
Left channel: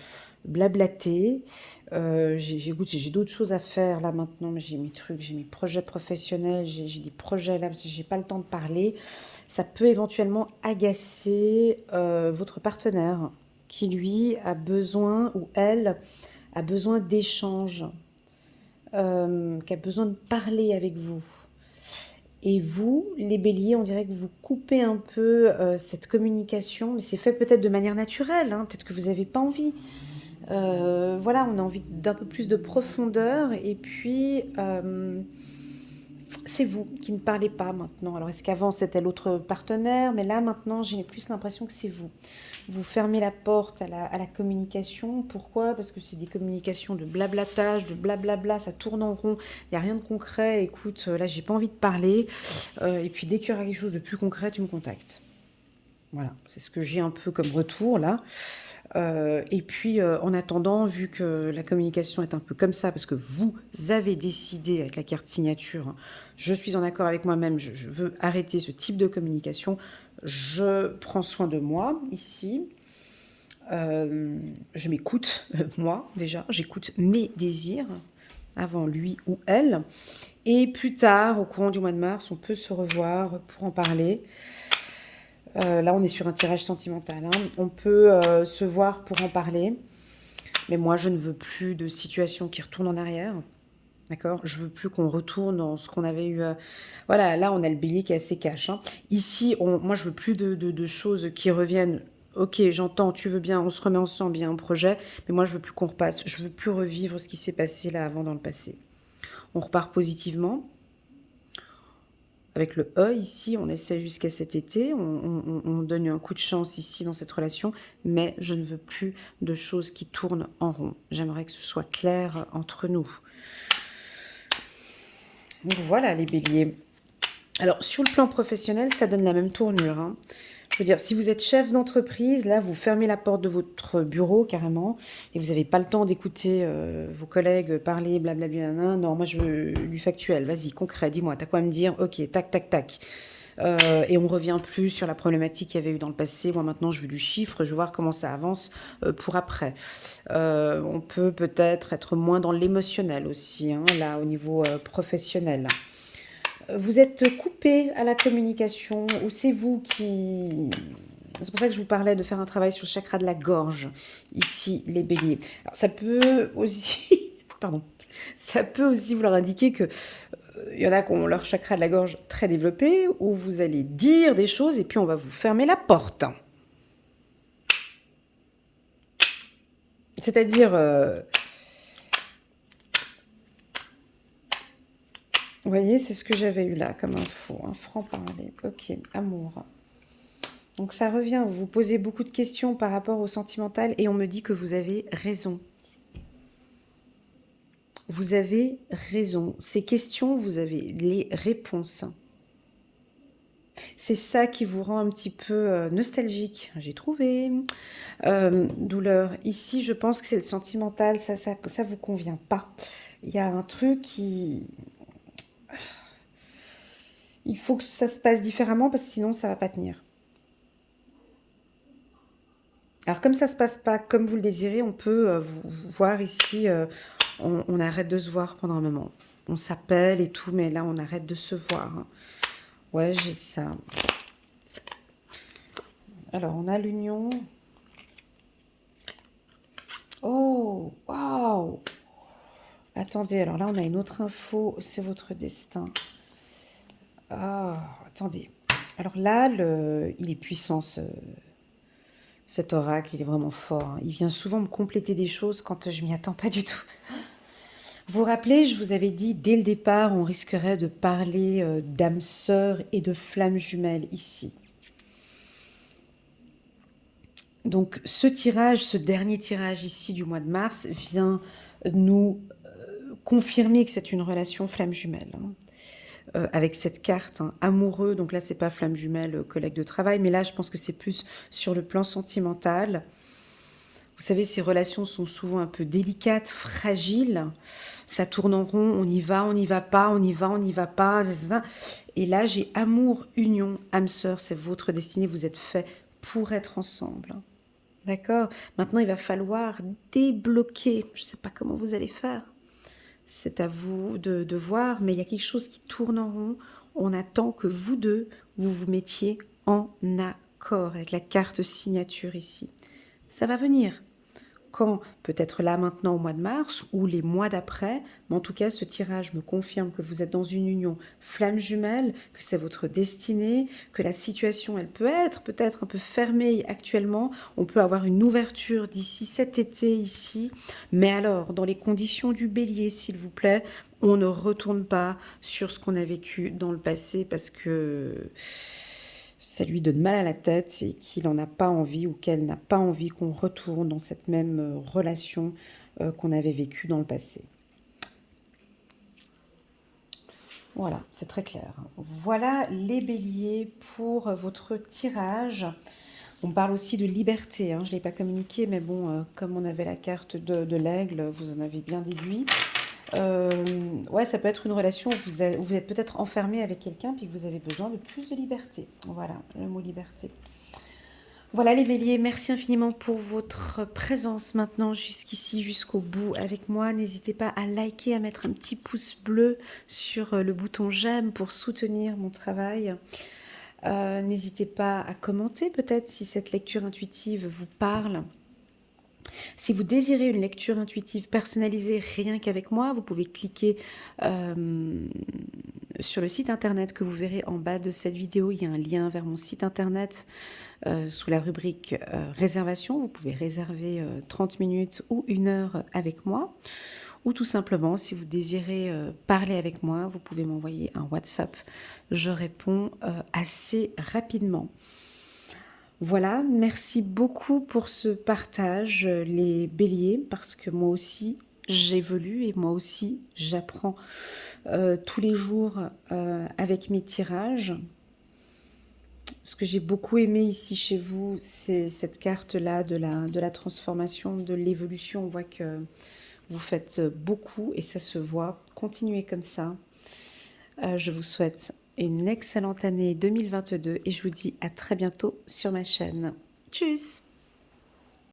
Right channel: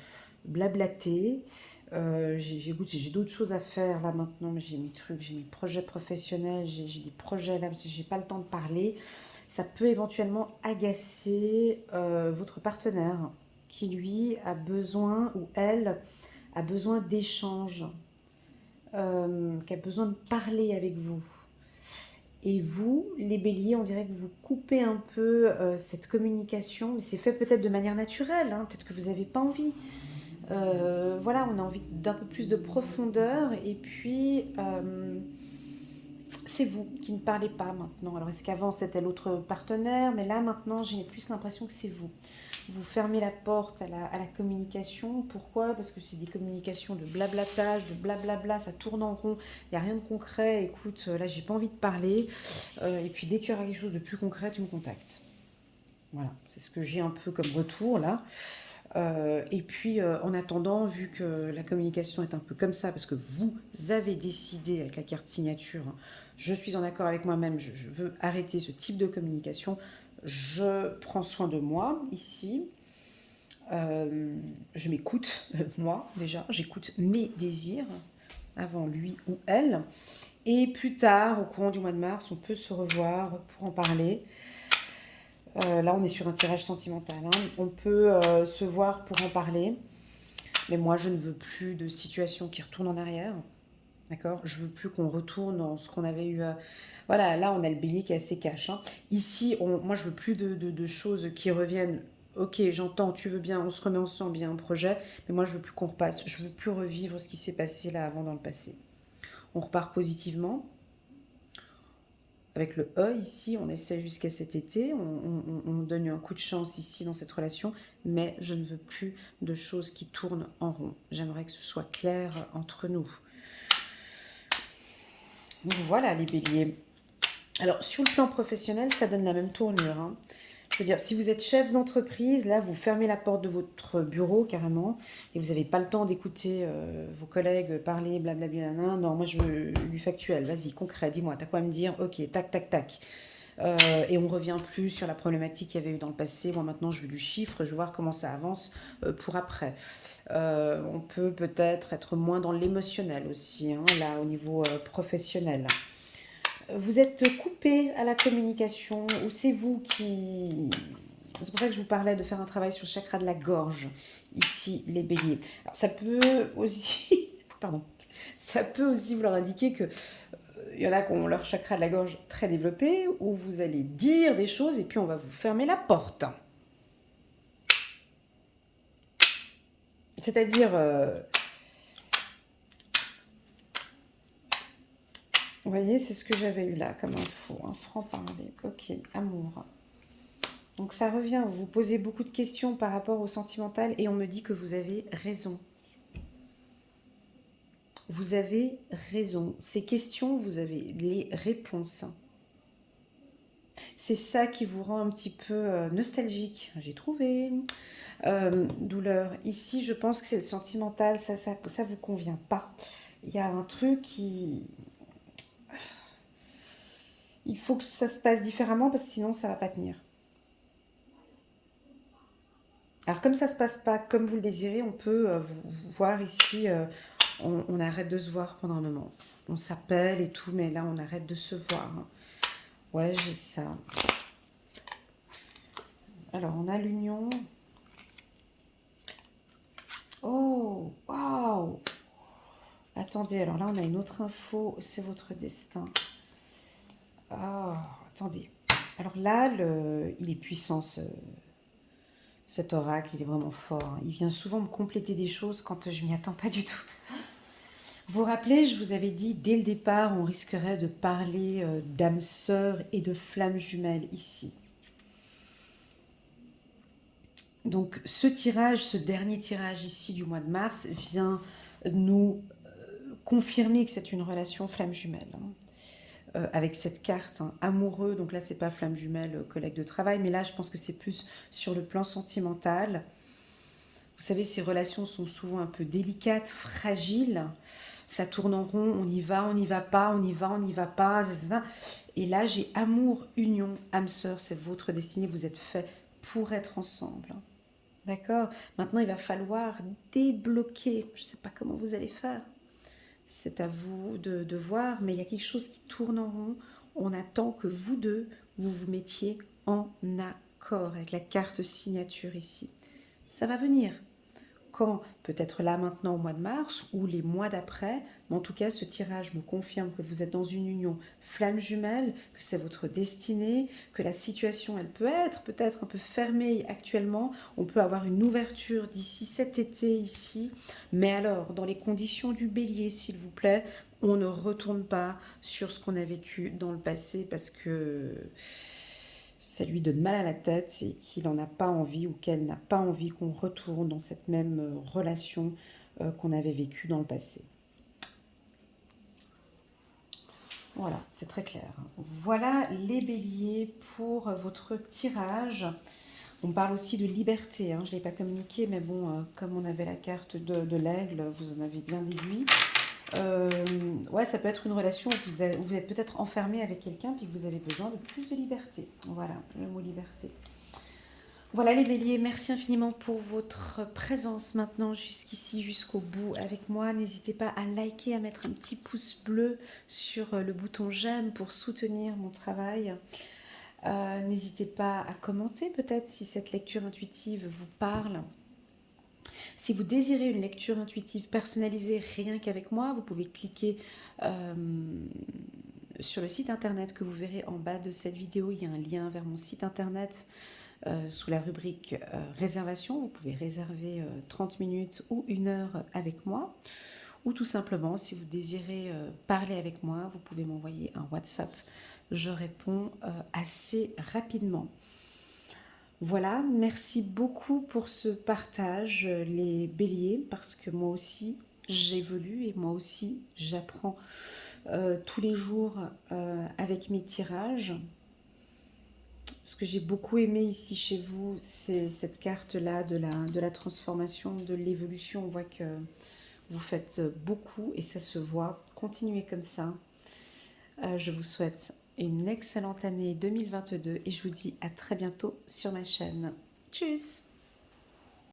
blablater. J'ai d'autres choses à faire là maintenant, mais j'ai mes trucs, j'ai mes projets professionnels, j'ai des projets là, j'ai pas le temps de parler. Ça peut éventuellement agacer votre partenaire qui lui a besoin ou elle a besoin d'échanges, qui a besoin de parler avec vous. Et vous, les béliers, on dirait que vous coupez un peu cette communication, mais c'est fait peut-être de manière naturelle, hein, peut-être que vous n'avez pas envie. Voilà, on a envie d'un peu plus de profondeur, et puis c'est vous qui ne parlez pas maintenant. Alors est-ce qu'avant c'était l'autre partenaire, mais là maintenant j'ai plus l'impression que c'est vous. Vous fermez la porte à la communication. Pourquoi? Parce que c'est des communications de blablatage, de blablabla, ça tourne en rond, il n'y a rien de concret. Écoute, là j'ai pas envie de parler. Et puis dès qu'il y aura quelque chose de plus concret, tu me contactes. Voilà, c'est ce que j'ai un peu comme retour là. Et puis en attendant, vu que la communication est un peu comme ça, parce que vous avez décidé avec la carte signature, hein, je suis en accord avec moi-même, je veux arrêter ce type de communication, je prends soin de moi ici. Je m'écoute, moi déjà, j'écoute mes désirs avant lui ou elle. Et plus tard, au courant du mois de mars, on peut se revoir pour en parler. Là, on est sur un tirage sentimental, hein. On peut se voir pour en parler. Mais moi, je ne veux plus de situation qui retourne en arrière. D'accord? Je veux plus qu'on retourne dans ce qu'on avait eu. Voilà, là, on a le bélier qui est assez cash, hein. Ici, moi, je veux plus de choses qui reviennent. Ok, j'entends, tu veux bien, on se remet ensemble, il y a un projet, mais moi, je veux plus qu'on repasse. Je veux plus revivre ce qui s'est passé là avant dans le passé. On repart positivement. Avec le E ici, on essaie jusqu'à cet été, on donne un coup de chance ici dans cette relation, mais je ne veux plus de choses qui tournent en rond. J'aimerais que ce soit clair entre nous. Donc voilà les béliers. Alors sur le plan professionnel, ça donne la même tournure, hein. Je veux dire, si vous êtes chef d'entreprise, là, vous fermez la porte de votre bureau carrément et vous n'avez pas le temps d'écouter vos collègues parler, blablabla. Non, moi, je veux du factuel. Vas-y, concret, dis-moi, t'as quoi à me dire? Ok, tac, tac, tac. Et on revient plus sur la problématique qu'il y avait eu dans le passé. Moi maintenant je veux du chiffre, je veux voir comment ça avance pour après. On peut peut-être être moins dans l'émotionnel aussi, hein, là au niveau professionnel. Vous êtes coupé à la communication ou c'est vous qui... C'est pour ça que je vous parlais de faire un travail sur le chakra de la gorge, ici, les béliers. Alors, ça peut aussi... Pardon. Ça peut aussi vouloir indiquer que il y en a qui ont leur chakra de la gorge très développé, où vous allez dire des choses et puis on va vous fermer la porte. C'est-à-dire... vous voyez, c'est ce que j'avais eu là comme info. Un franc-parler. Ok, amour. Donc ça revient, vous vous posez beaucoup de questions par rapport au sentimental et on me dit que vous avez raison. Vous avez raison. Ces questions, vous avez les réponses. C'est ça qui vous rend un petit peu nostalgique. J'ai trouvé. Douleur. Ici, je pense que c'est le sentimental. Ça vous convient pas. Il y a un truc qui... Il faut que ça se passe différemment parce que sinon, ça va pas tenir. Alors, comme ça se passe pas comme vous le désirez, on peut vous voir ici... on arrête de se voir pendant un moment. On s'appelle et tout, mais là, on arrête de se voir. Ouais, j'ai ça. Alors, on a l'union. Oh, waouh! Attendez, alors là, on a une autre info. C'est votre destin. Ah, attendez. Alors là, il est puissant, cet oracle. Il est vraiment fort, hein. Il vient souvent me compléter des choses quand je m'y attends pas du tout. Vous vous rappelez, je vous avais dit, dès le départ, on risquerait de parler d'âme sœur et de flamme jumelle ici. Donc ce tirage, ce dernier tirage ici du mois de mars vient nous confirmer que c'est une relation flamme jumelle, hein. Avec cette carte, hein, amoureux, donc là c'est pas flamme jumelle, collègue de travail, mais là je pense que c'est plus sur le plan sentimental. Vous savez, ces relations sont souvent un peu délicates, fragiles, ça tourne en rond, on y va, on n'y va pas, on y va, on n'y va pas, etc. Et là j'ai amour, union, âme sœur, c'est votre destinée, vous êtes fait pour être ensemble. D'accord? Maintenant, il va falloir débloquer. Je ne sais pas comment vous allez faire. C'est à vous de voir, mais il y a quelque chose qui tourne en rond. On attend que vous deux, vous vous mettiez en accord avec la carte signature ici. Ça va venir. Quand? Peut-être là maintenant au mois de mars ou les mois d'après, mais en tout cas ce tirage me confirme que vous êtes dans une union flamme jumelle, que c'est votre destinée, que la situation elle peut être peut-être un peu fermée actuellement, on peut avoir une ouverture d'ici cet été ici, mais alors dans les conditions du bélier s'il vous plaît, on ne retourne pas sur ce qu'on a vécu dans le passé parce que ça lui donne mal à la tête et qu'il n'en a pas envie ou qu'elle n'a pas envie qu'on retourne dans cette même relation qu'on avait vécue dans le passé. Voilà, c'est très clair. Voilà les béliers pour votre tirage. On parle aussi de liberté, hein. Je ne l'ai pas communiqué, mais bon, comme on avait la carte de l'aigle, vous en avez bien déduit. Ouais, ça peut être une relation où vous êtes peut-être enfermé avec quelqu'un puis que vous avez besoin de plus de liberté. Voilà, le mot liberté. Voilà les béliers, merci infiniment pour votre présence maintenant jusqu'ici, jusqu'au bout avec moi. N'hésitez pas à liker, à mettre un petit pouce bleu sur le bouton j'aime pour soutenir mon travail. N'hésitez pas à commenter peut-être si cette lecture intuitive vous parle. Si vous désirez une lecture intuitive personnalisée rien qu'avec moi, vous pouvez cliquer sur le site internet que vous verrez en bas de cette vidéo. Il y a un lien vers mon site internet sous la rubrique réservation. Vous pouvez réserver 30 minutes ou 1 heure avec moi. Ou tout simplement, si vous désirez parler avec moi, vous pouvez m'envoyer un WhatsApp. Je réponds assez rapidement. Voilà, merci beaucoup pour ce partage, les béliers, parce que moi aussi, j'évolue et moi aussi, j'apprends tous les jours avec mes tirages. Ce que j'ai beaucoup aimé ici chez vous, c'est cette carte-là de la transformation, de l'évolution. On voit que vous faites beaucoup et ça se voit. Continuez comme ça. Je vous souhaite une excellente année 2022 et je vous dis à très bientôt sur ma chaîne. Tchuss!